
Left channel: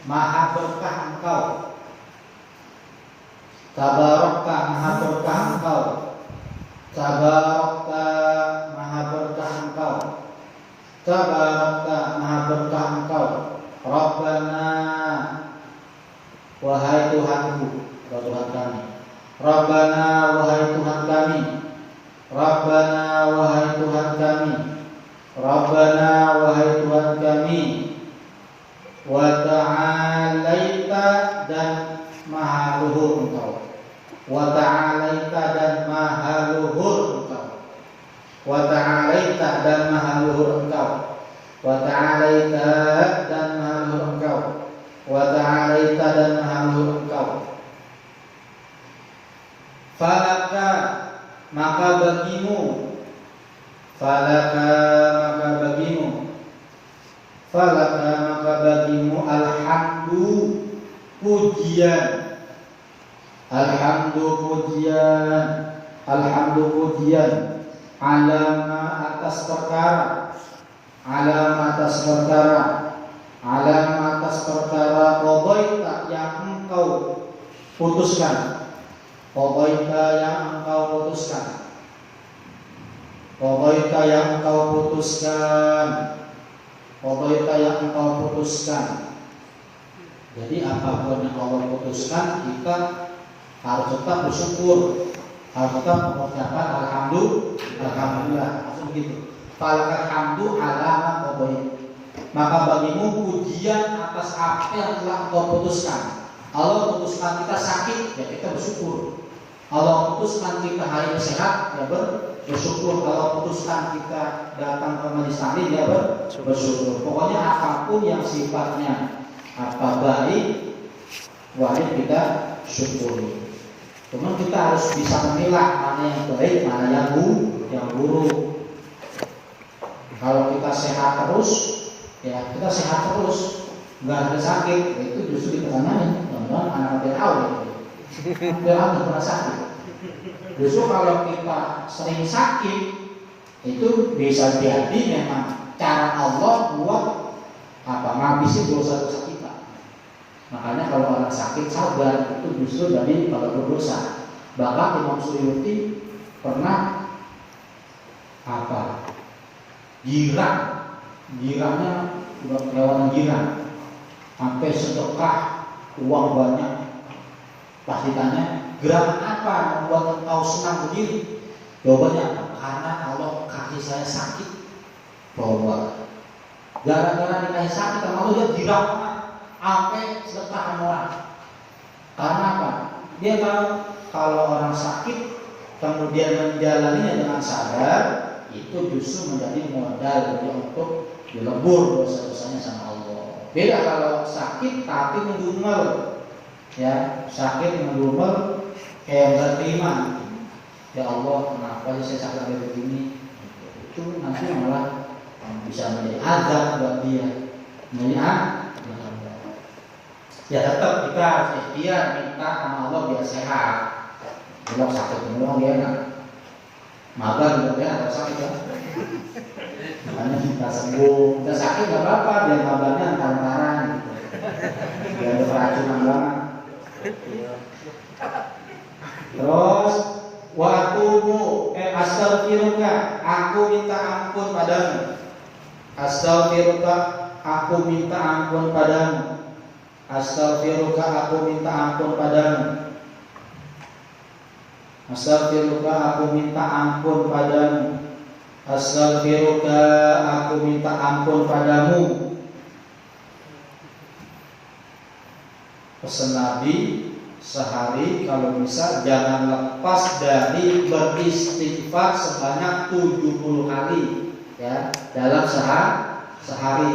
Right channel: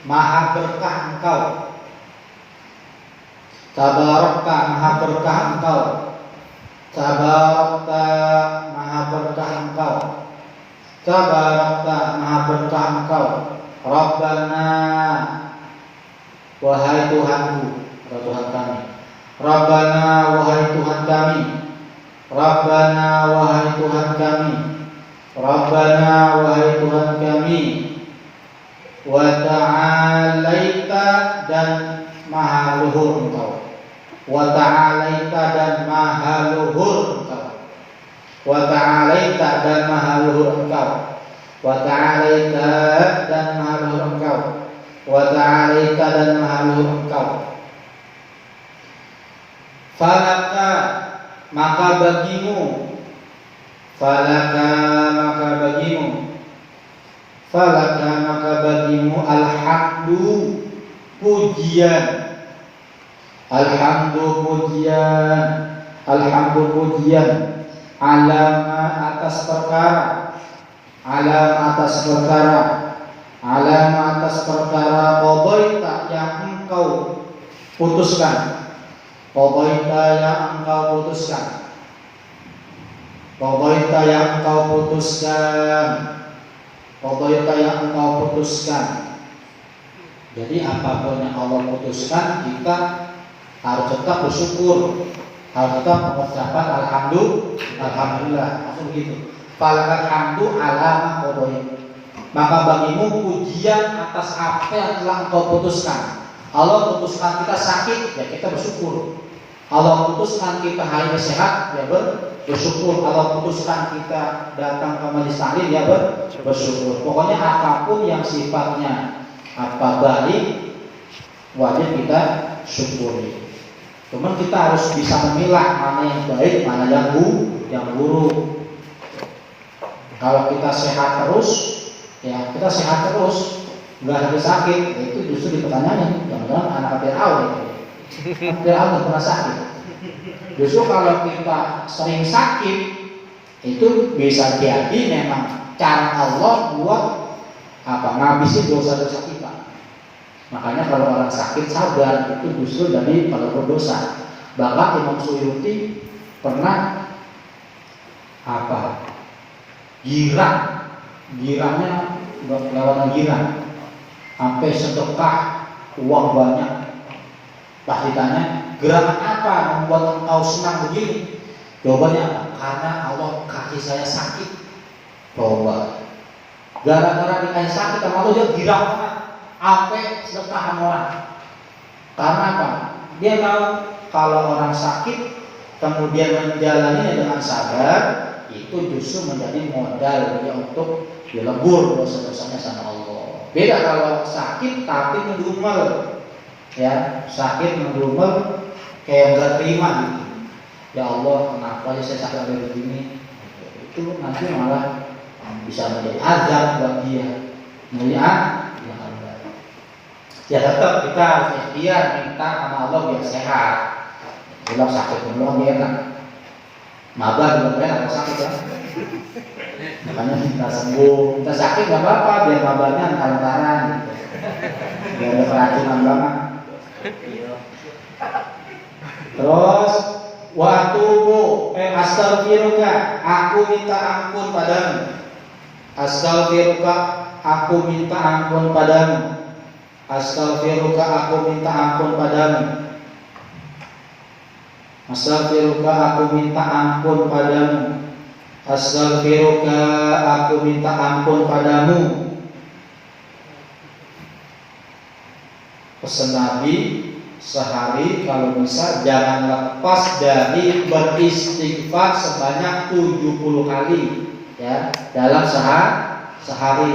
maha berkah engkau. Tabarakta, maha berkah engkau. Tabarakta, maha berkah engkau. Tabarakta, maha berkah engkau. Rabbana, wahai Tuhanku, Tuhan kami. Rabbana, wahai Tuhan kami. Rabbana, wahai Tuhan kami. Rabbana, wahai Tuhan kami. Wa ta'alaita, dan maha luhur engkau. Wa ta'alaita, dan maha luhur engkau. Wa ta'alaita, dan maha luhur engkau. Wa ta'alaita, dan maha luhur engkau. Wa ta'alaita, dan maha luhur engkau. Falaka, maka bagimu. Falaka, maka bagimu. Falaka, maka bagimu. Alhamdu, pujian. Alhamdu, pujian. Alhamdu, pujian. Alama, atas perkara. Alama, atas perkara. Alama, atas perkara. Qadaita, yang engkau putuskan. Qadaita, yang engkau putuskan. Qadaita, yang engkau putuskan. Qadaita, yang engkau putuskan. Jadi apapun yang Allah putuskan, kita harus tetap bersyukur, harus tetap mengucapkan alhamdulillah. Maksud begitu. Falakal hamdu ala qadaita. Maka bagimu pujian atas apa yang telah engkau putuskan. Allah putuskan kita sakit, ya kita bersyukur. Allah putuskan kita hari ini sehat, ya bersyukur. Allah putuskan kita datang ke majelis taklim, ya bersyukur. Pokoknya apapun yang sifatnya baik, wajib kita syukuri. Cuman kita harus bisa memilah mana yang baik, mana yang buruk. Kalau kita sehat terus, ya kita sehat terus, nggak ada sakit, itu justru dipertanyakan. Jangan-jangan anak Fir'aun itu. Fir'aun pernah sakit. Justru kalau kita sering sakit, itu bisa jadi memang cara Allah buat ngabisin dosa-dosa kita. Makanya kalau orang sakit sabar, itu justru dari kalau berdosa. Bahkan Imam Suyuti pernah girangnya lewat girang. sampai sedekah uang banyak. Pas ditanya, gerakan apa membuat engkau senang begini? Jawabannya apa? Karena Allah kasih saya sakit. Coba, gara-gara dikasih sakit sama Allah dia dirawat sampai sedekah sama orang. Karena apa? Dia tahu kalau orang sakit kemudian menjalaninya dengan sabar, itu justru menjadi modal dia untuk dilebur dosa-dosanya sama Allah. Beda kalau sakit tapi ngedumel, ya sakit ngedumel kayak nggak terima gitu. Ya Allah, kenapa ya saya sakit kayak begini? Itu nanti malah bisa menjadi azab buat dia. Melihat, ya tetap kita harus ikhtiar minta sama Allah biar sehat. Kalau sakit dulu dia enak. Maba juga enak kalau sakit ya. Makanya kita sembuh, kita sakit nggak apa-apa, biar mabanya antar-antaran gitu. Biar ada keracunan banget. Terus astaghfiruka, aku minta ampun padamu. Astaghfiruka, aku minta ampun padamu. Astaghfiruka, aku minta ampun padamu. Astaghfiruka, aku minta ampun padamu. Astaghfiruka, aku minta ampun padamu. Pesan Nabi, sehari kalau bisa jangan lepas dari beristighfar sebanyak 70 kali ya dalam sehari.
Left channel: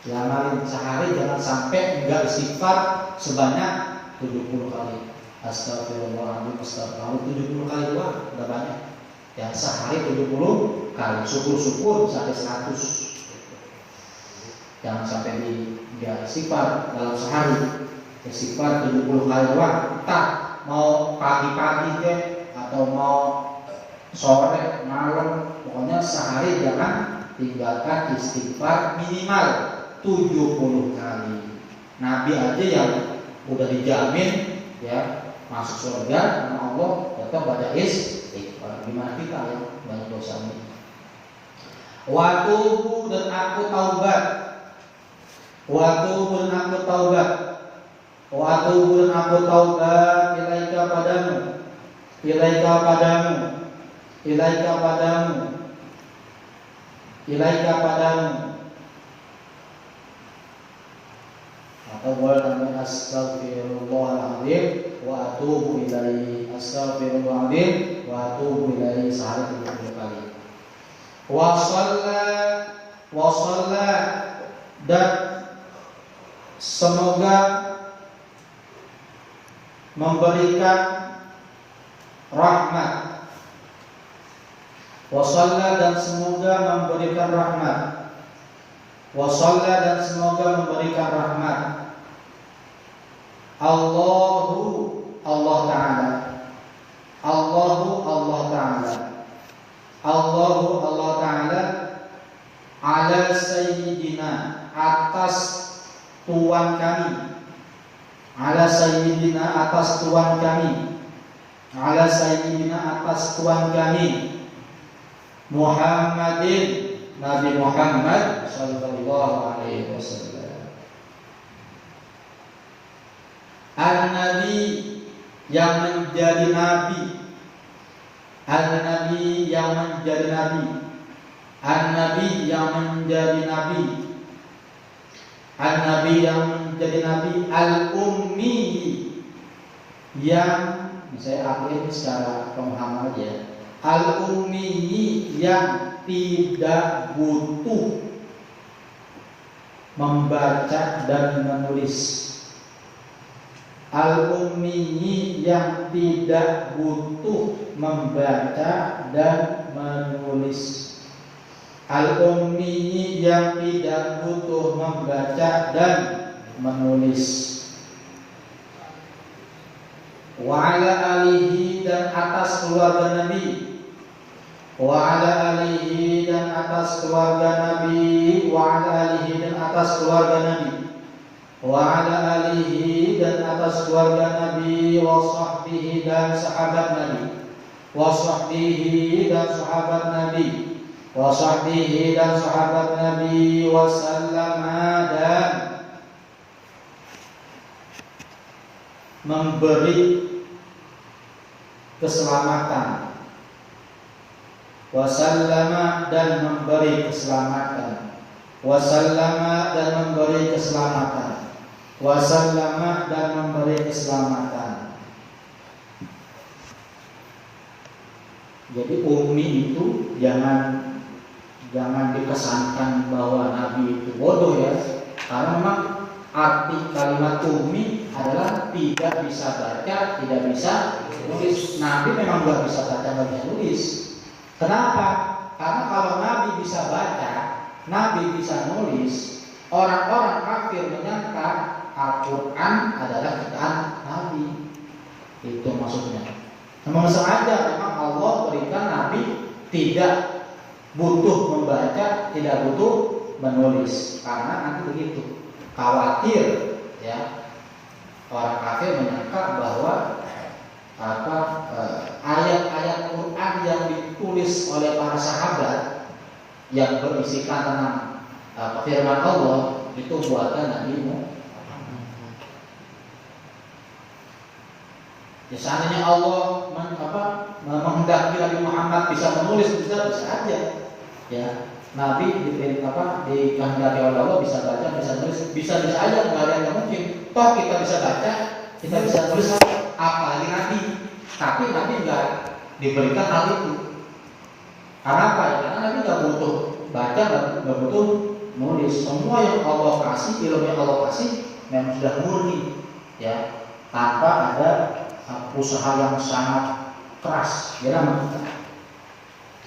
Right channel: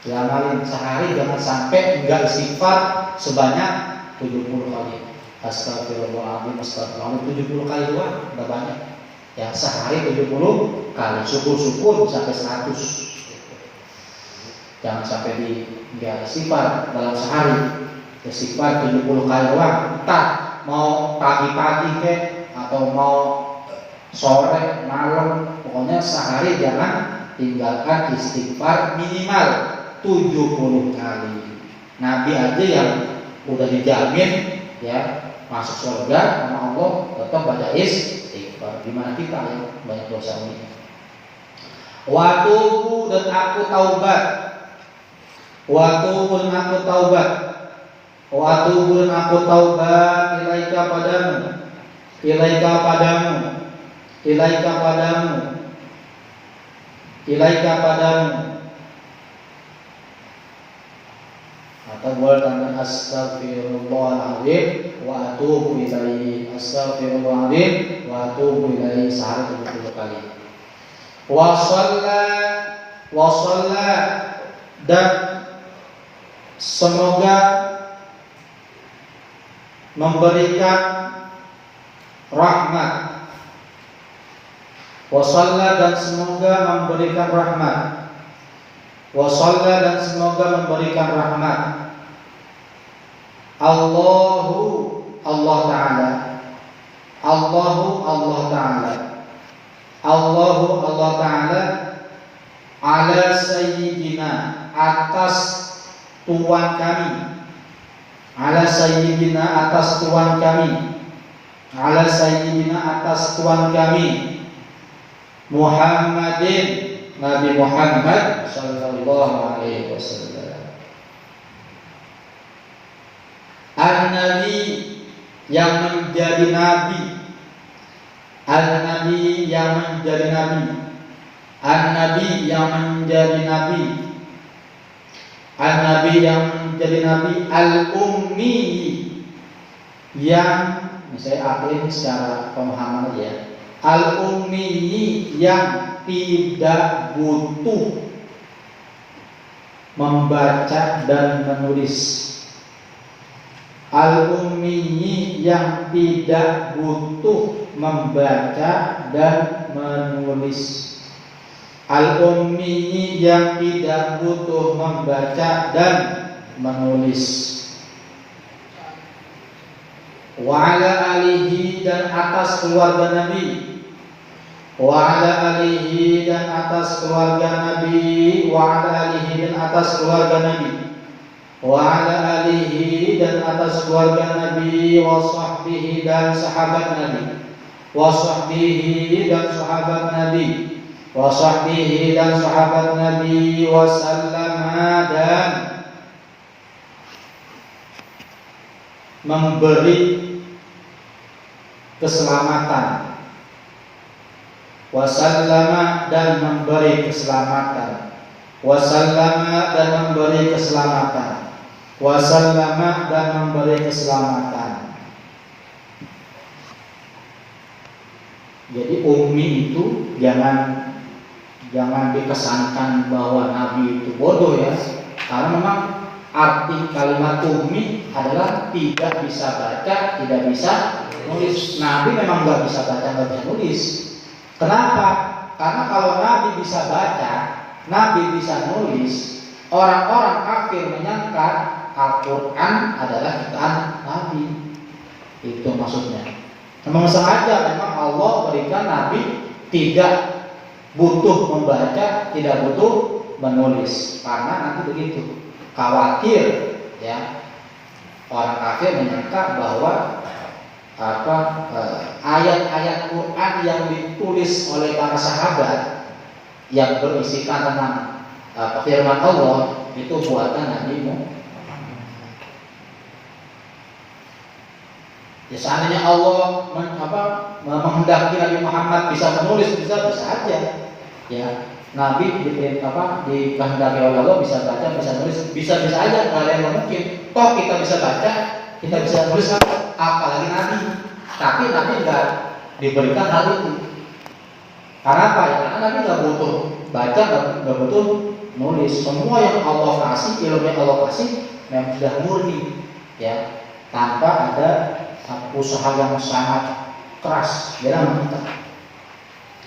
Jangan sehari jangan sampai enggak istighfar sebanyak 70 kali. Astagfirullahaladzim, astagfirullahaladzim 70 kali doang, enggak banyak. Ya sehari 70 kali, syukur-syukur sampai 100. Jangan sampai enggak istighfar dalam sehari. Istighfar 70 kali doang. Entah mau pagi-pagi ke atau mau sore, malam, pokoknya sehari jangan tinggalkan istighfar minimal 70 kali. Nabi aja yang udah dijamin ya masuk surga sama Allah tetap baca istighfar. Gimana kita ya banyak dosa ini. Watubu dan aku taubat. Watubu dan aku taubat. Watubu dan aku taubat ilaika padamu. Ilaika padamu. Ilaika padamu. Ilaika padamu. Atau boleh tambah astaghfirullahaladzim wa atubu ilaihi. Astaghfirullahaladzim wa atubu ilaihi sehari 70 kali. Wa shalla dan semoga memberikan rahmat. Wa shalla dan semoga memberikan rahmat. Wa shalla dan semoga memberikan rahmat. Allahu Allah Ta'ala. Allahu Allah Ta'ala. Allahu Allah Ta'ala ala sayyidina atas tuan kami. Ala sayyidina atas tuan kami. Ala sayyidina atas tuan kami Muhammadin Nabi Muhammad sallallahu alaihi wasallam. Al-Nabi yang menjadi nabi. Al-Nabi yang menjadi nabi. Al-Nabi yang menjadi nabi. Al-Nabi yang menjadi nabi. Al-Ummi yang saya akui secara pemahaman aja. Al-Ummi yang tidak butuh membaca dan menulis. Al-Ummi yang tidak butuh membaca dan menulis. Al-Ummi yang tidak butuh membaca dan menulis. Wa ala alihi dan atas keluarga Nabi. Wa ala alihi dan atas keluarga Nabi. Wa ala alihi dan atas keluarga Nabi. Wa ala alihi dan atas keluarga Nabi. Wa sahbihi dan sahabat Nabi. Wa sahbihi dan sahabat Nabi. Wa sahbihi dan sahabat Nabi. Wa sallama dan memberi keselamatan, wasallama dan memberi keselamatan, wasallama dan memberi keselamatan, wasallama dan memberi keselamatan. Jadi ummi itu jangan dikesankan bahwa Nabi itu bodoh ya, karena memang arti kalimat ummi adalah tidak bisa baca, tidak bisa nulis. Nabi memang nggak bisa baca, nggak bisa nulis. Kenapa? Karena kalau Nabi bisa baca, Nabi bisa nulis, orang-orang kafir menyangka Al-Quran adalah kitab Nabi. Itu maksudnya. Memang sengaja memang Allah berikan Nabi tidak butuh membaca, tidak butuh menulis, karena nanti begitu khawatir ya orang kafir menyangka bahwa ayat-ayat Quran yang ditulis oleh para sahabat yang berisikan tentang firman Allah itu buatan Nabi Muhammad. Ya seandainya Allah menghendaki Nabi Muhammad bisa menulis, bisa aja. Ya, Nabi dikehendaki oleh Allah bisa baca, bisa nulis, bisa aja, nggak ada yang mungkin. Toh kita bisa baca, kita bisa nulis, apalagi Nabi. Tapi Nabi nggak diberikan hal itu. Karena apa? Ya, karena Nabi nggak butuh baca, nggak butuh nulis. Semua yang Allah kasih, ilmu yang Allah kasih, memang sudah murni, ya, tanpa ada usaha yang sangat keras dalam kita.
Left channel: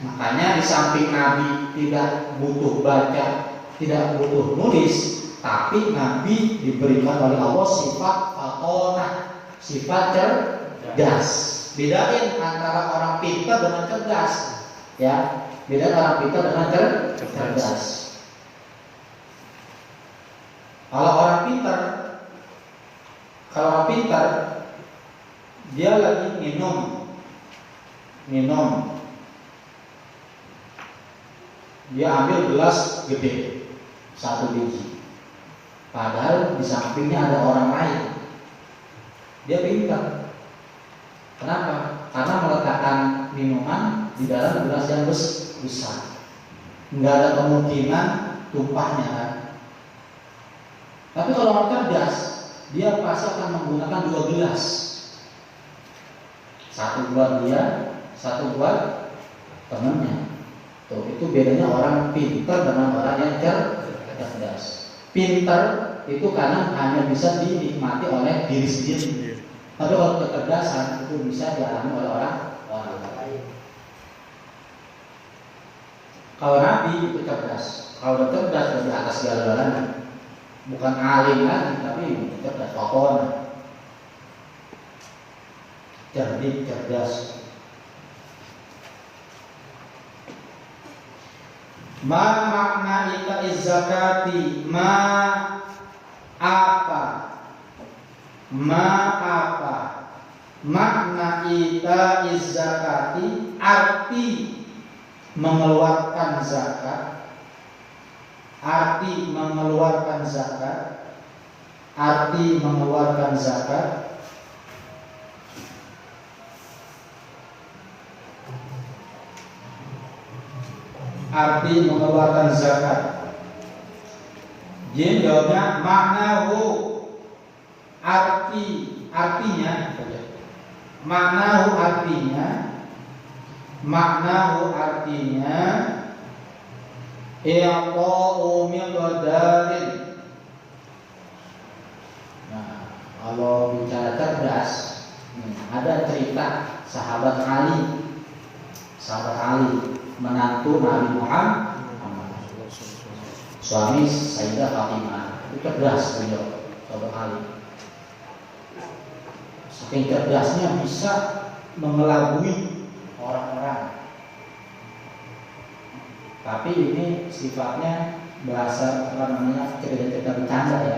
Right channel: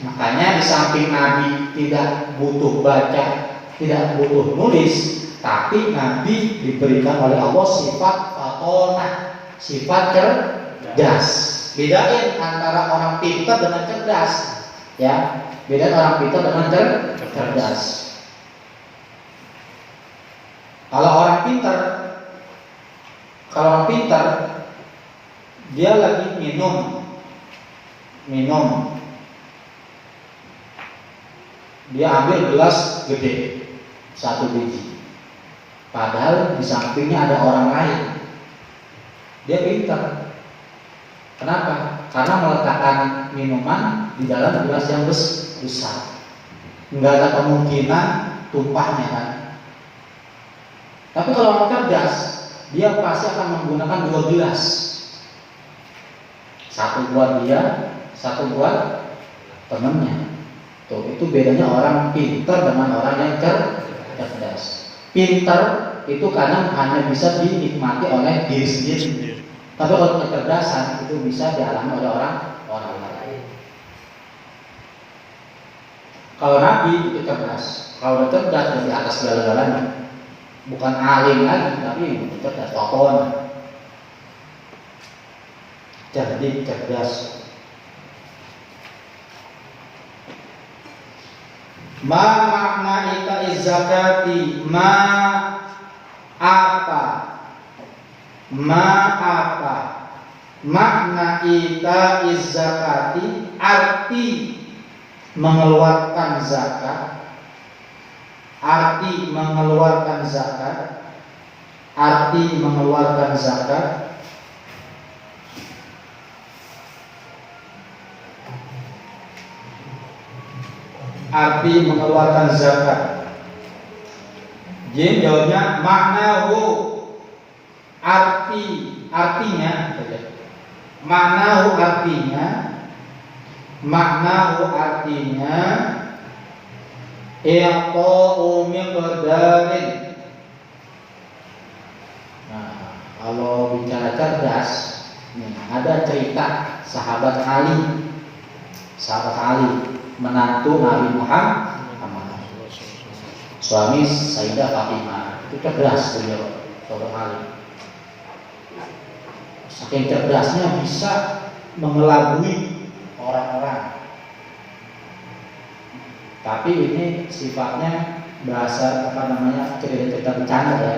Makanya di samping Nabi tidak butuh baca, tidak butuh nulis, tapi Nabi diberikan oleh Allah sifat fatonah, sifat cerdas. Bedain antara orang pintar dengan cerdas, ya. Bedain orang pintar dengan cerdas. Kalau orang pintar dia lagi minum, dia ambil gelas gede 1 biji, padahal di sampingnya ada orang lain. Dia pintar. Kenapa? Karena meletakkan minuman di dalam gelas yang besar, nggak ada kemungkinan tumpahnya kan. Tapi kalau orang cerdas, dia pasti akan menggunakan 2 gelas. 1 buat dia, 1 buat temannya. Tuh, itu bedanya orang pintar dengan orang yang cerdas. Pintar itu kadang hanya bisa dinikmati oleh diri sendiri. Tapi kalau kecerdasan itu bisa dialami oleh orang lain. Kalau Nabi itu cerdas. Kalau cerdas di atas segala-galanya. Bukan alim lagi, tapi cerdas, tokoh. Cerdas. Ma makna itaiz zakati, apa makna itaiz zakati, arti mengeluarkan zakat, arti mengeluarkan zakat. Arti mengeluarkan zakat. Jadi jawabnya maknahu, artinya i'ta'u miqdarin. Nah, kalau bicara cerdas, ada cerita sahabat Ali menantu Nabi Muhammad, suami Sayyidah Fatimah. Itu cerdas beliau, sahabat Ali. Saking cerdasnya bisa mengelabui orang-orang. Tapi ini sifatnya bahasa cerita bercanda ya.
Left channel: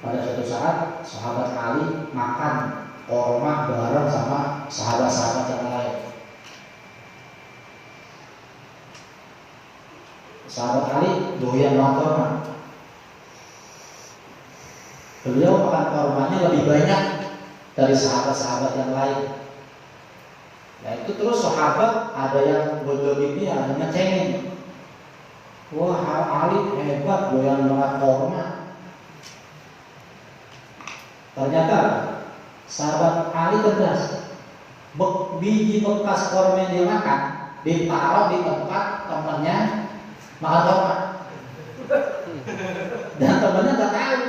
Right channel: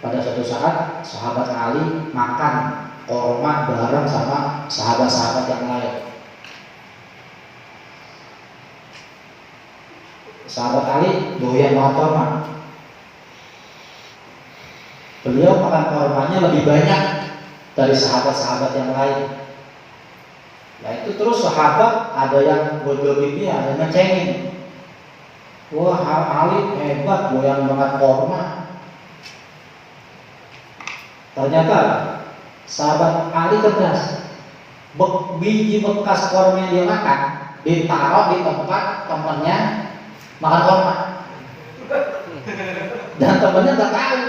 Pada suatu saat sahabat Ali makan korma bareng sama sahabat-sahabat yang lain. Sahabat Ali doyan banget korma. Beliau makan kormanya lebih banyak dari sahabat-sahabat yang lain. Nah itu terus sahabat ada yang ini, ada yang ngecengin. Wah, Ali hebat, goyang banget korma. Ternyata sahabat Ali cerdas. Biji bekas korma yang dia makan ditaruh di tempat temannya makan korma. Dan temennya nggak tahu.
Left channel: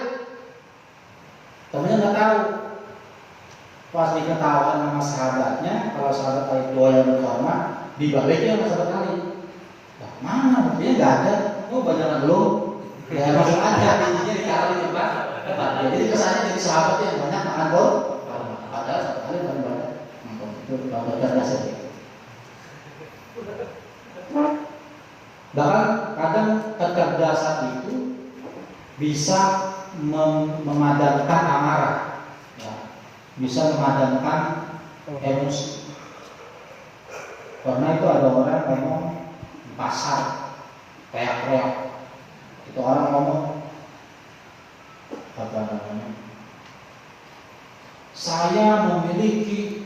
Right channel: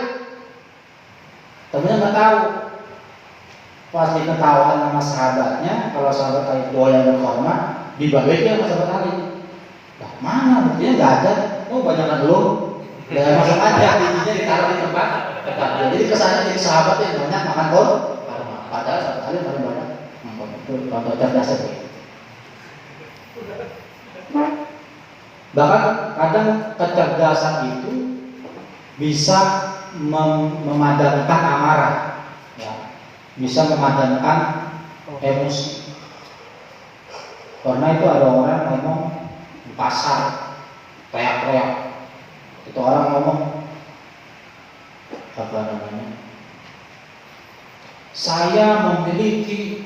Temennya nggak tahu. Pas diketahuan sama sahabatnya, kalau sahabat Ali goyang korma, dibalikin sama sahabat Ali. Nah, mana buktinya nggak ada. Oh banyak belum. Ya masuk aja, bijinya ditaruh di tempat. Jadi kesannya jadi sahabat yang banyak makan korma. Padahal sahabat Ali paling banyak. Itu contoh cerdasnya. Bahkan kadang kecerdasan itu bisa memadamkan amarah, ya. Bisa memadamkan emosi. Karena itu ada orang ngomong di pasar, teriak-teriak. Itu orang ngomong apa namanya? Saya memiliki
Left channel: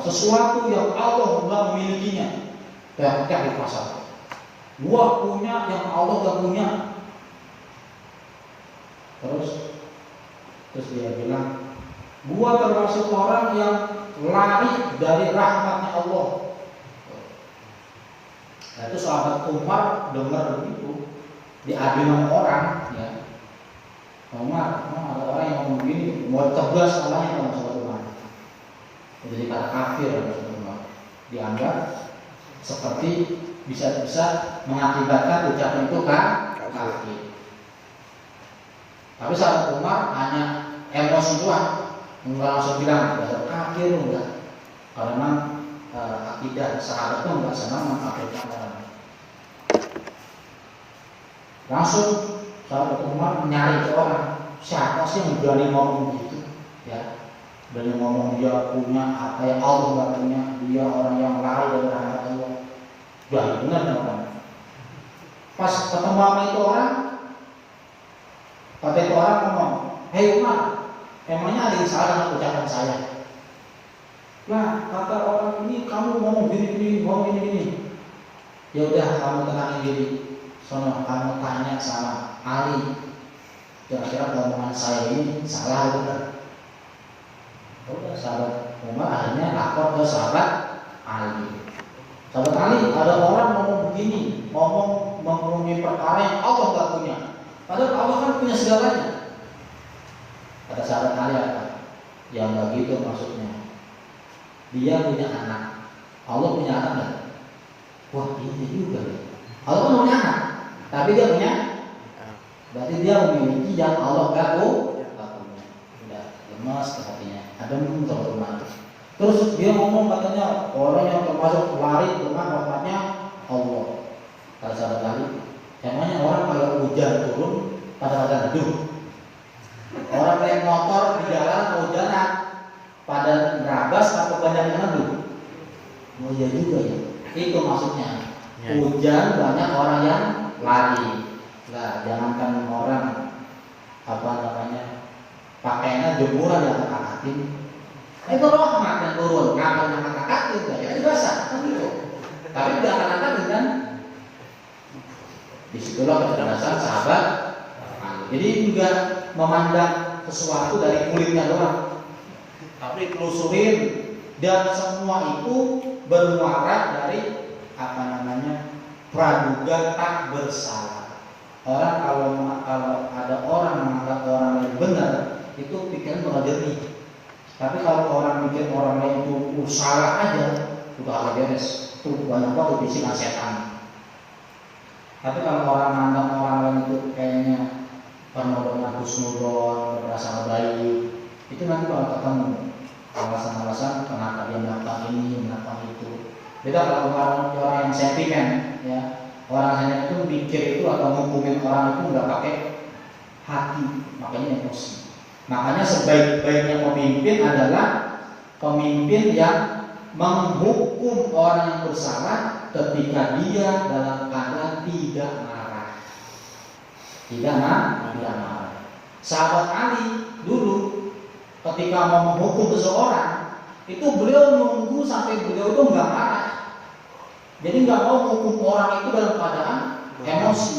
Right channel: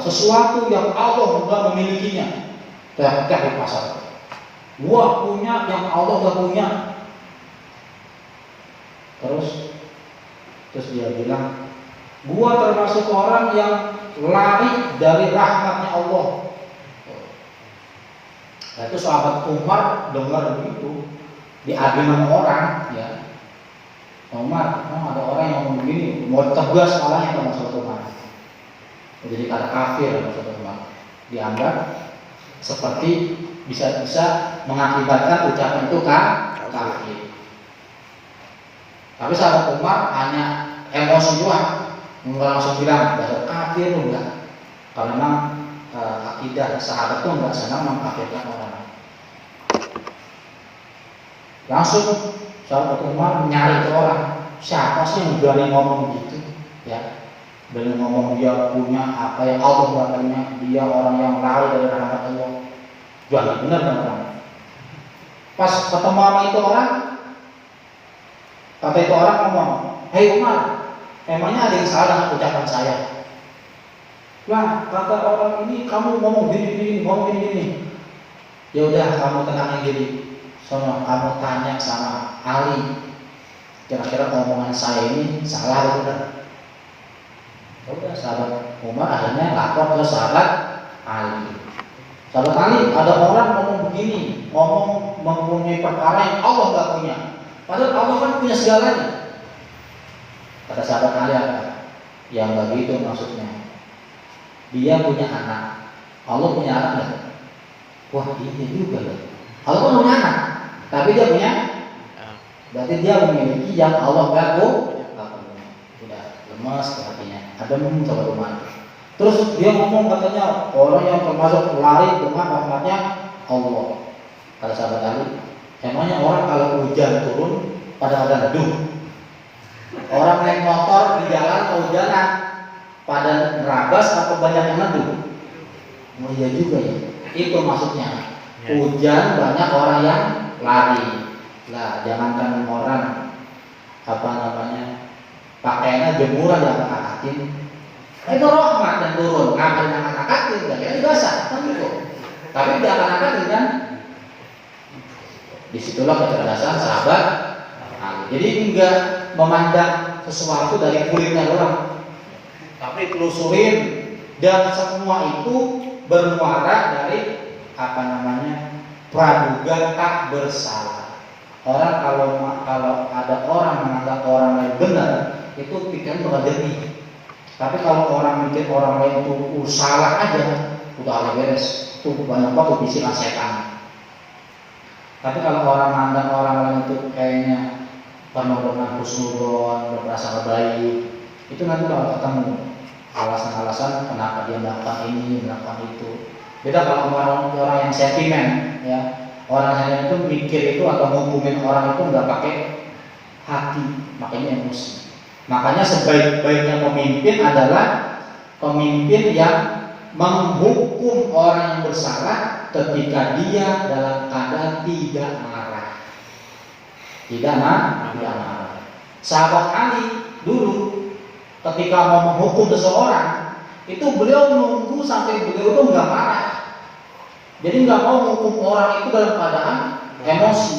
sesuatu yang Allah enggak memilikinya. Teriak-teriak di pasar. Gua punya yang Allah enggak punya. Terus dia bilang, gua termasuk orang yang lari dari rahmatnya Allah. Nah itu sahabat Umar dengar begitu, diadu sama orang, ya. Umar, ada orang yang ngomong begini, mau tegas salahnya sama sahabat Umar. Jadi kata kafir sama sahabat Umar. Dianggap seperti bisa mengakibatkan ucapan itu kafir. Tapi sahabat Umar hanya emosi doang, enggak langsung bilang dasar kafir enggak. Karena akidah sahabat itu enggak senang mengkafirkan orang. Langsung sahabat Umar nyari ke orang, siapa sih yang berani ngomong gitu, ya? Berani ngomong dia punya apa yang Allah enggak punya, dia orang yang lari dari rahmat Allah. Jadi benar kan? Pas ketemu sama itu orang, kata itu orang ngomong, hei Umar, emangnya ada yang salah dengan ucapan saya? Lah, kata orang ini kamu ngomong gini. Ya udah kamu tenangin diri. Soalnya kamu tanya sama Ali, kira-kira omongan saya ini salah atau benar? Udah, sahabat Umar akhirnya lapor ke sahabat Ali. Sahabat Ali, ada orang ngomong begini, ngomong mempunyai perkara yang Allah nggak punya. Padahal Allah kan punya segalanya. Kata sahabat Ali apa? Ya nggak gitu maksudnya. Dia punya anak, Allah punya anak nggak? Wah iya juga ya. Allah kan punya anak, tapi dia punya. Berarti dia memiliki yang Allah nggak punya. Sudah lemas hatinya. Adem sahabat Umar. Terus dia ngomong katanya orang yang termasuk lari dengan rahmatnya Allah. Kata sahabat Ali, emangnya orang kalau hujan turun pada neduh. Orang naik motor di jalan kehujanan pada nerabas atau banyak yang neduh. Oh iya juga ya. Itu maksudnya. Hujan banyak orang yang lari. Lah jangankan orang pakaiannya jemuran yang angkatin. Itu rahmat yang turun. Ngambil yang angkatin, jadi basah kan gitu. Tapi dia akan angkatin kan. Disitulah kecerdasan sahabat Ali. Jadi enggak memandang sesuatu dari kulitnya orang, tapi telusurin, dan semua itu bermuara dari praduga tak bersalah. Orang kalau ada orang menganggap orang lain benar, itu pikiran bakal jernih. Tapi kalau orang mikir orang lain itu salah aja, udah beres. Itu banyak waktu bisikan setan. Tapi kalau orang menganggap orang lain itu kayaknya penuh dengan husnudon, berprasangka baik, itu nanti bakal ketemu alasan-alasan kenapa dia melakukan ini, melakukan itu. Beda kalau orang yang sentimen, ya. Orang yang itu mikir itu atau menghukumin orang itu nggak pakai hati, makanya emosi. Makanya sebaik-baiknya pemimpin adalah pemimpin yang menghukum orang yang bersalah ketika dia dalam keadaan tidak marah. Tidak marah. Sahabat Ali dulu ketika mau menghukum seseorang, itu beliau nunggu sampai beliau itu nggak marah. Jadi nggak mau menghukum orang itu dalam keadaan emosi.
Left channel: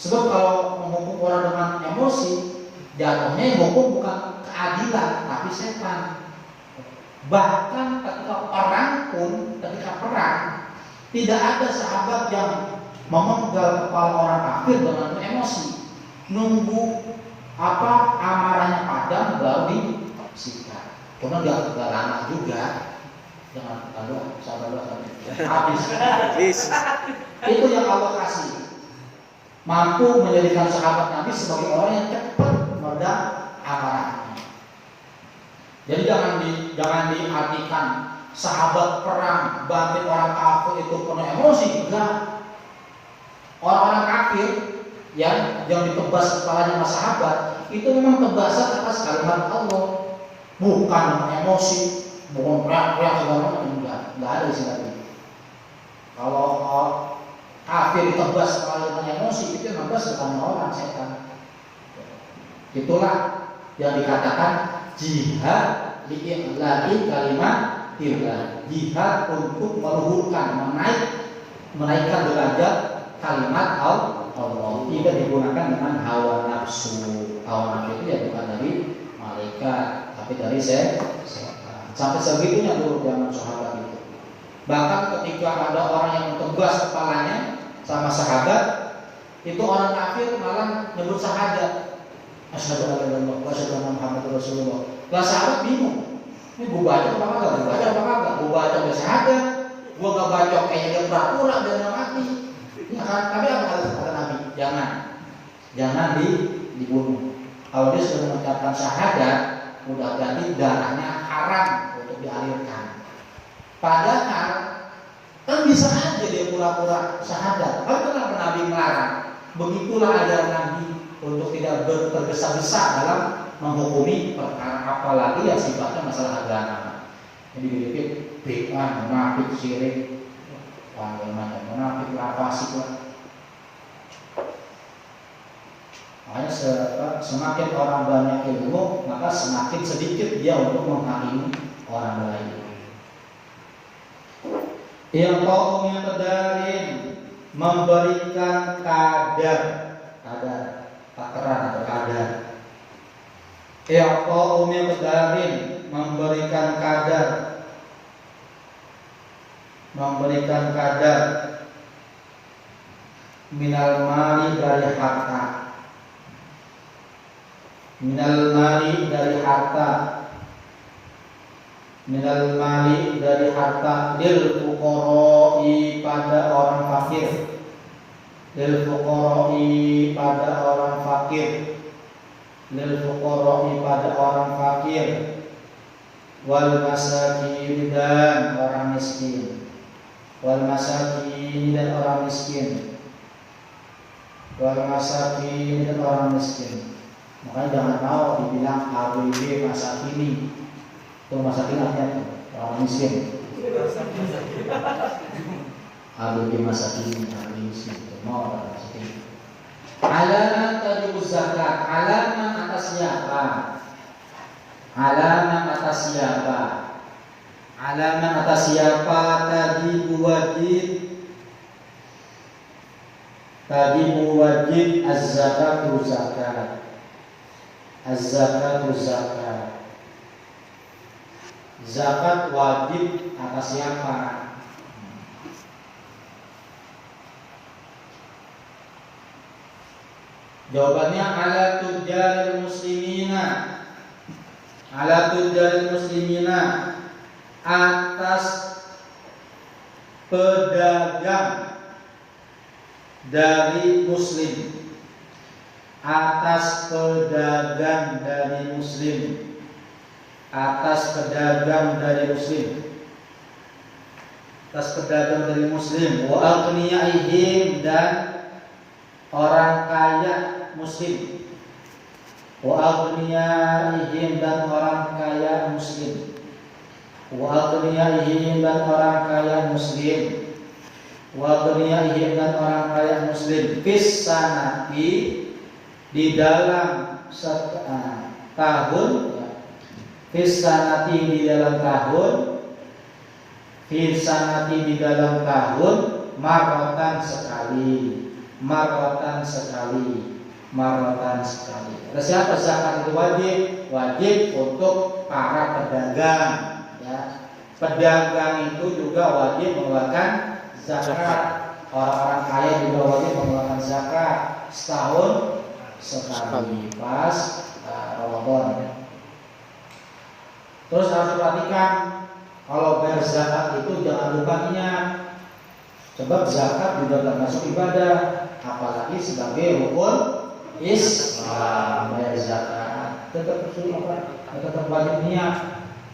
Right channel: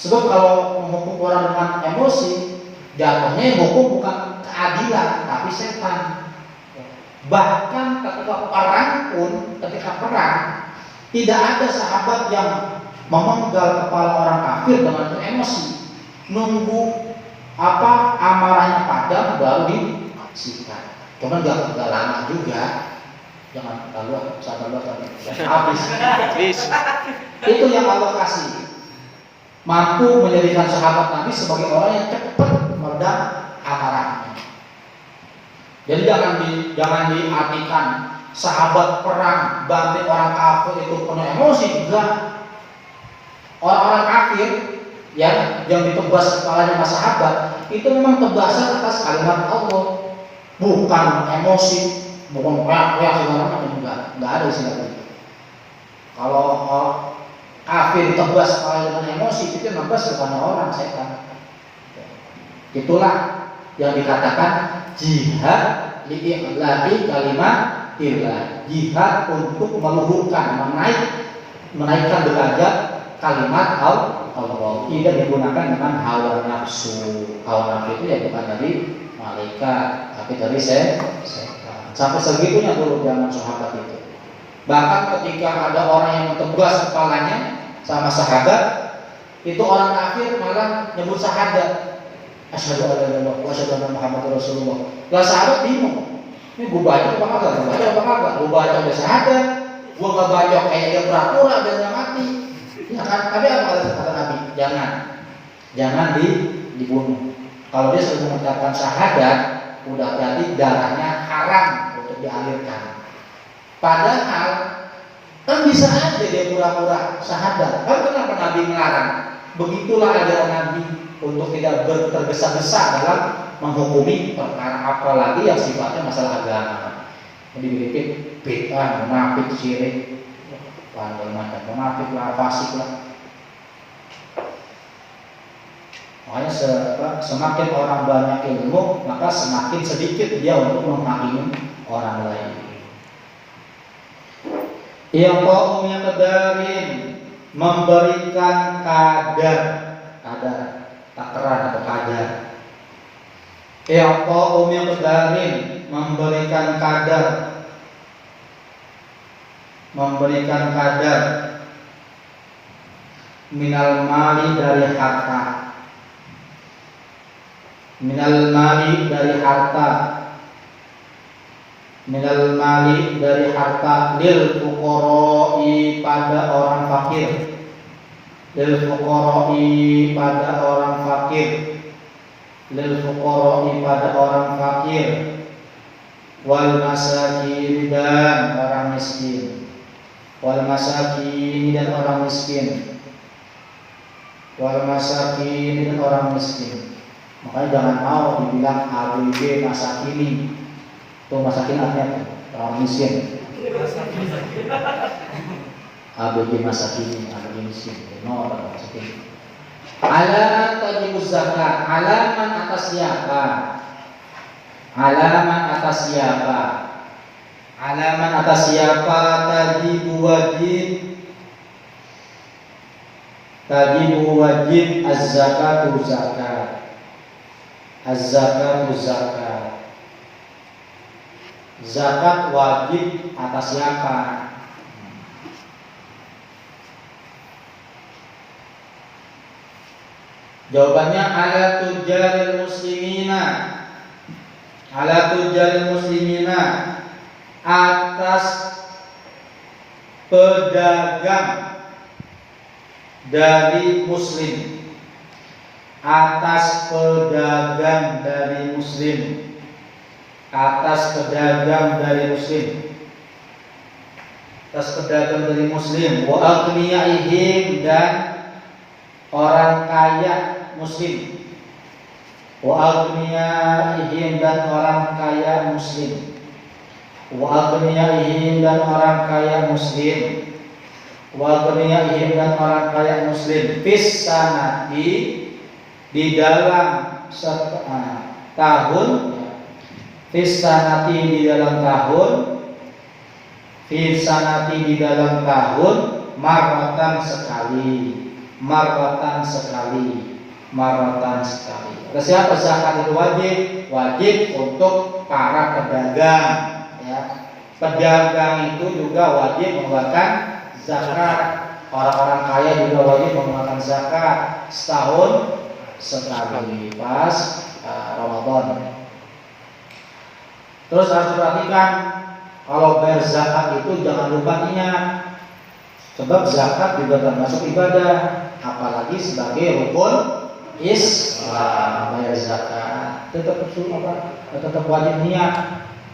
Sebab kalau menghukum orang dengan emosi, jatuhnya yang hukum bukan keadilan, tapi setan. Bahkan ketika perang, tidak ada sahabat yang memenggal kepala orang kafir dengan emosi. Nunggu amarahnya padam baru disikat. Cuman nggak lama juga. Jangan sabar habis. Itu yang Allah kasih. Mampu menjadikan sahabat Nabi sebagai orang yang cepat meredam amarahnya. Jadi jangan diartikan sahabat perang banting orang kafir itu penuh emosi. Enggak. Orang-orang kafir yang ditebas kepalanya sama sahabat itu memang tebasan atas kalimat Allah, bukan emosi, bukan teriak segala macam. Enggak ada istilah itu. Kalau kafir ditebas kepalanya dengan emosi, itu nembas bukan orang, setan. Itulah yang dikatakan jihad li'i'la'i kalimatillah, jihad untuk meluhurkan, menaikkan derajat kalimat Allah, tidak digunakan dengan hawa nafsu. Hawa nafsu itu ya bukan dari malaikat, tapi dari setan. Sampai segitunya dulu zaman sahabat itu. Bahkan ketika ada orang yang tebas kepalanya sama sahabat, itu orang kafir malah nyebut syahadat. Asyhadu an la ilaha illallah wa asyhadu anna Muhammadar Rasulullah. Lah sahabat bingung. Ini gue baca apa kagak? Gue baca udah syahadat, gue gak baca kayak dia pura-pura dan gak mati. Ya kan? Tapi apa kata Nabi? Jangan dibunuh. Kalau dia sudah mengucapkan syahadat, udah berarti darahnya haram untuk dialirkan. Padahal kan bisa aja dia pura-pura syahadat. Lalu kenapa Nabi melarang? Begitulah ajaran Nabi untuk tidak tergesa-gesa dalam menghukumi perkara, apalagi yang sifatnya masalah agama. Jadi berikut bid'ah, munafik, syirik, macam munafik lah, fasik lah. Makanya semakin orang banyak ilmu, maka semakin sedikit dia untuk menghakimi orang lain. Yang kaumnya kedarin memberikan kadar takaran atau kadar. Yang kaumnya kedarin memberikan kadar minal mali dari harta. Minal mali dari harta lil fuqara'i pada orang fakir. Lil fuqara'i pada orang fakir. Wal masakin dan orang miskin. Makanya jangan mau dibilang ABG masakini. Itu masakin artinya orang miskin. ABG masakini, ABG miskin. No, orang miskin. Alamat tajibuz zakat. Alamat atas siapa? Alamat atas siapa tajibu wajib az-zakatu zakat. Az-zakatu zakat. Zakat wajib atas siapa? Jawabannya ala tujaril muslimina, atas pedagang dari muslim. Atas pedagang dari muslim. Wa aghniyaihim, dan orang kaya muslim. Fis sanati, di dalam tahun ya. Fisanati di dalam tahun, fisanati di dalam tahun, marwatan sekali, marwatan sekali, marwatan sekali. Siapa zakat itu wajib? Wajib untuk para pedagang ya. Pedagang itu juga wajib mengeluarkan zakat. Orang-orang kaya juga wajib mengeluarkan zakat setahun sekali pas Ramadan. Terus harus perhatikan kalau bayar zakat itu jangan lupa ingat, sebab zakat juga termasuk ibadah, apalagi sebagai rukun Islam. Bayar zakat tetap wajib niat.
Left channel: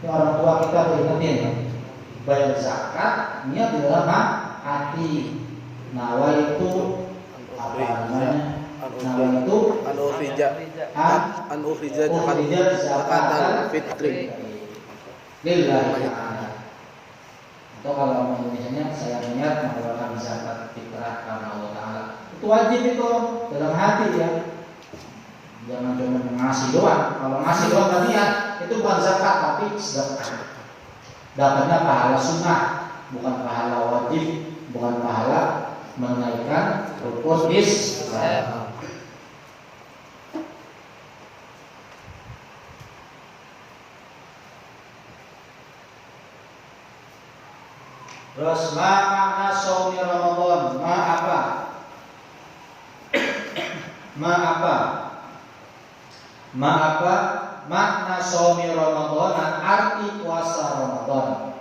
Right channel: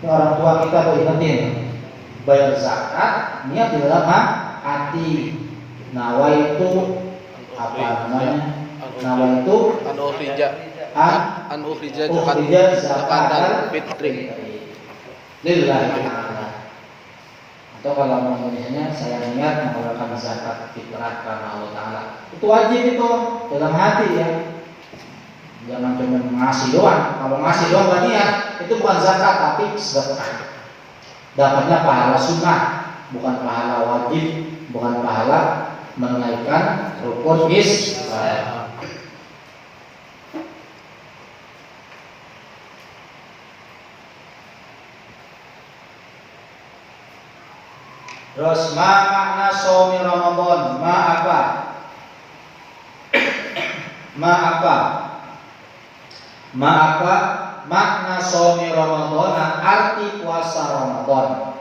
Orang tua kita beringetin, bayar zakat niat di dalam hati. Nawa itu apa namanya? Nawa itu an-ukhrija zakatan fitri lillahi ta'ala. Atau kalau mau Indonesianya, saya niat mengeluarkan zakat fitrah karena Allah Ta'ala. Itu wajib itu dalam hati ya. Jangan cuma ngasih doang. Kalau ngasih doang gak niat, itu bukan zakat tapi sedekah. Dapatnya pahala sunnah, bukan pahala wajib, bukan pahala menaikkan rukun Islam. Terus ma makna shaumi Ramadan? Ma apa? Ma apa? Ma apa? Makna shaumi Ramadan, arti puasa Ramadan.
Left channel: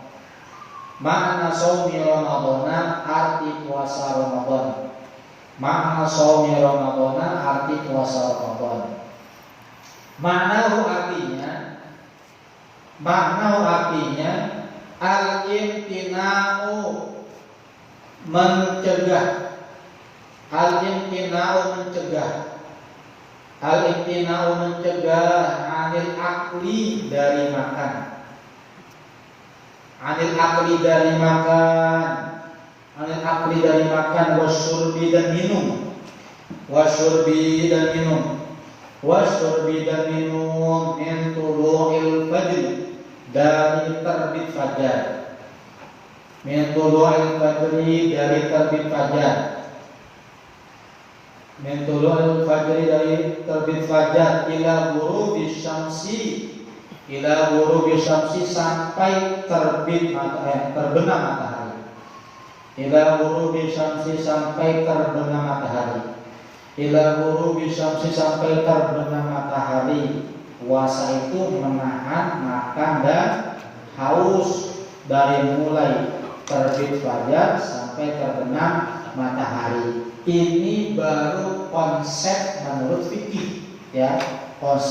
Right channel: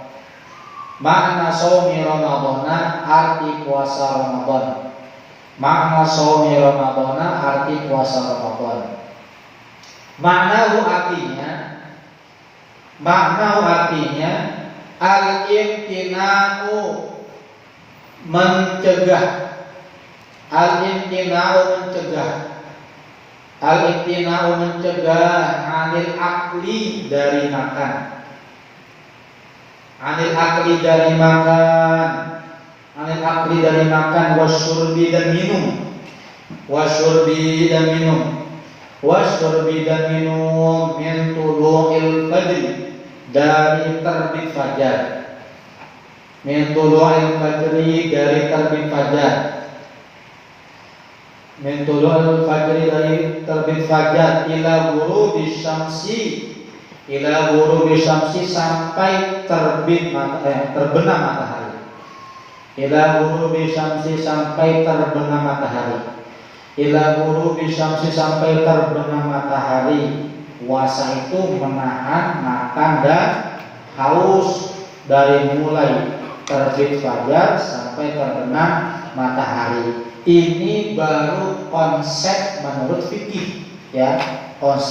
Makna shaumi Ramadan, arti puasa Ramadan. Makna shaumi Ramadan, arti puasa Ramadan. Makna artinya al-imtina'u mencegah. Al-imtina'u mencegah. Al-imtina'u mencegah anil akli dari makan. Anil akli dari makan. Anil akli dari makan, wasyurbi dan minum. Wasyurbi dan minum. Wasyurbi dan minum min tulu'il fajr, dari terbit fajar. Min tulu'il fajri, dari terbit fajar. Min tulu'il fajri, dari terbit fajar, ila ghurubi syamsi, ila ghurubi syamsi, sampai terbit terbenam matahari. Ila ghurubi syamsi, sampai terbenam matahari. Ila ghurubi syamsi, sampai terbenam matahari. Puasa itu menahan makan dan haus dari mulai terbit fajar sampai terbenam matahari. Ini baru konsep menurut fikih ya. Konsep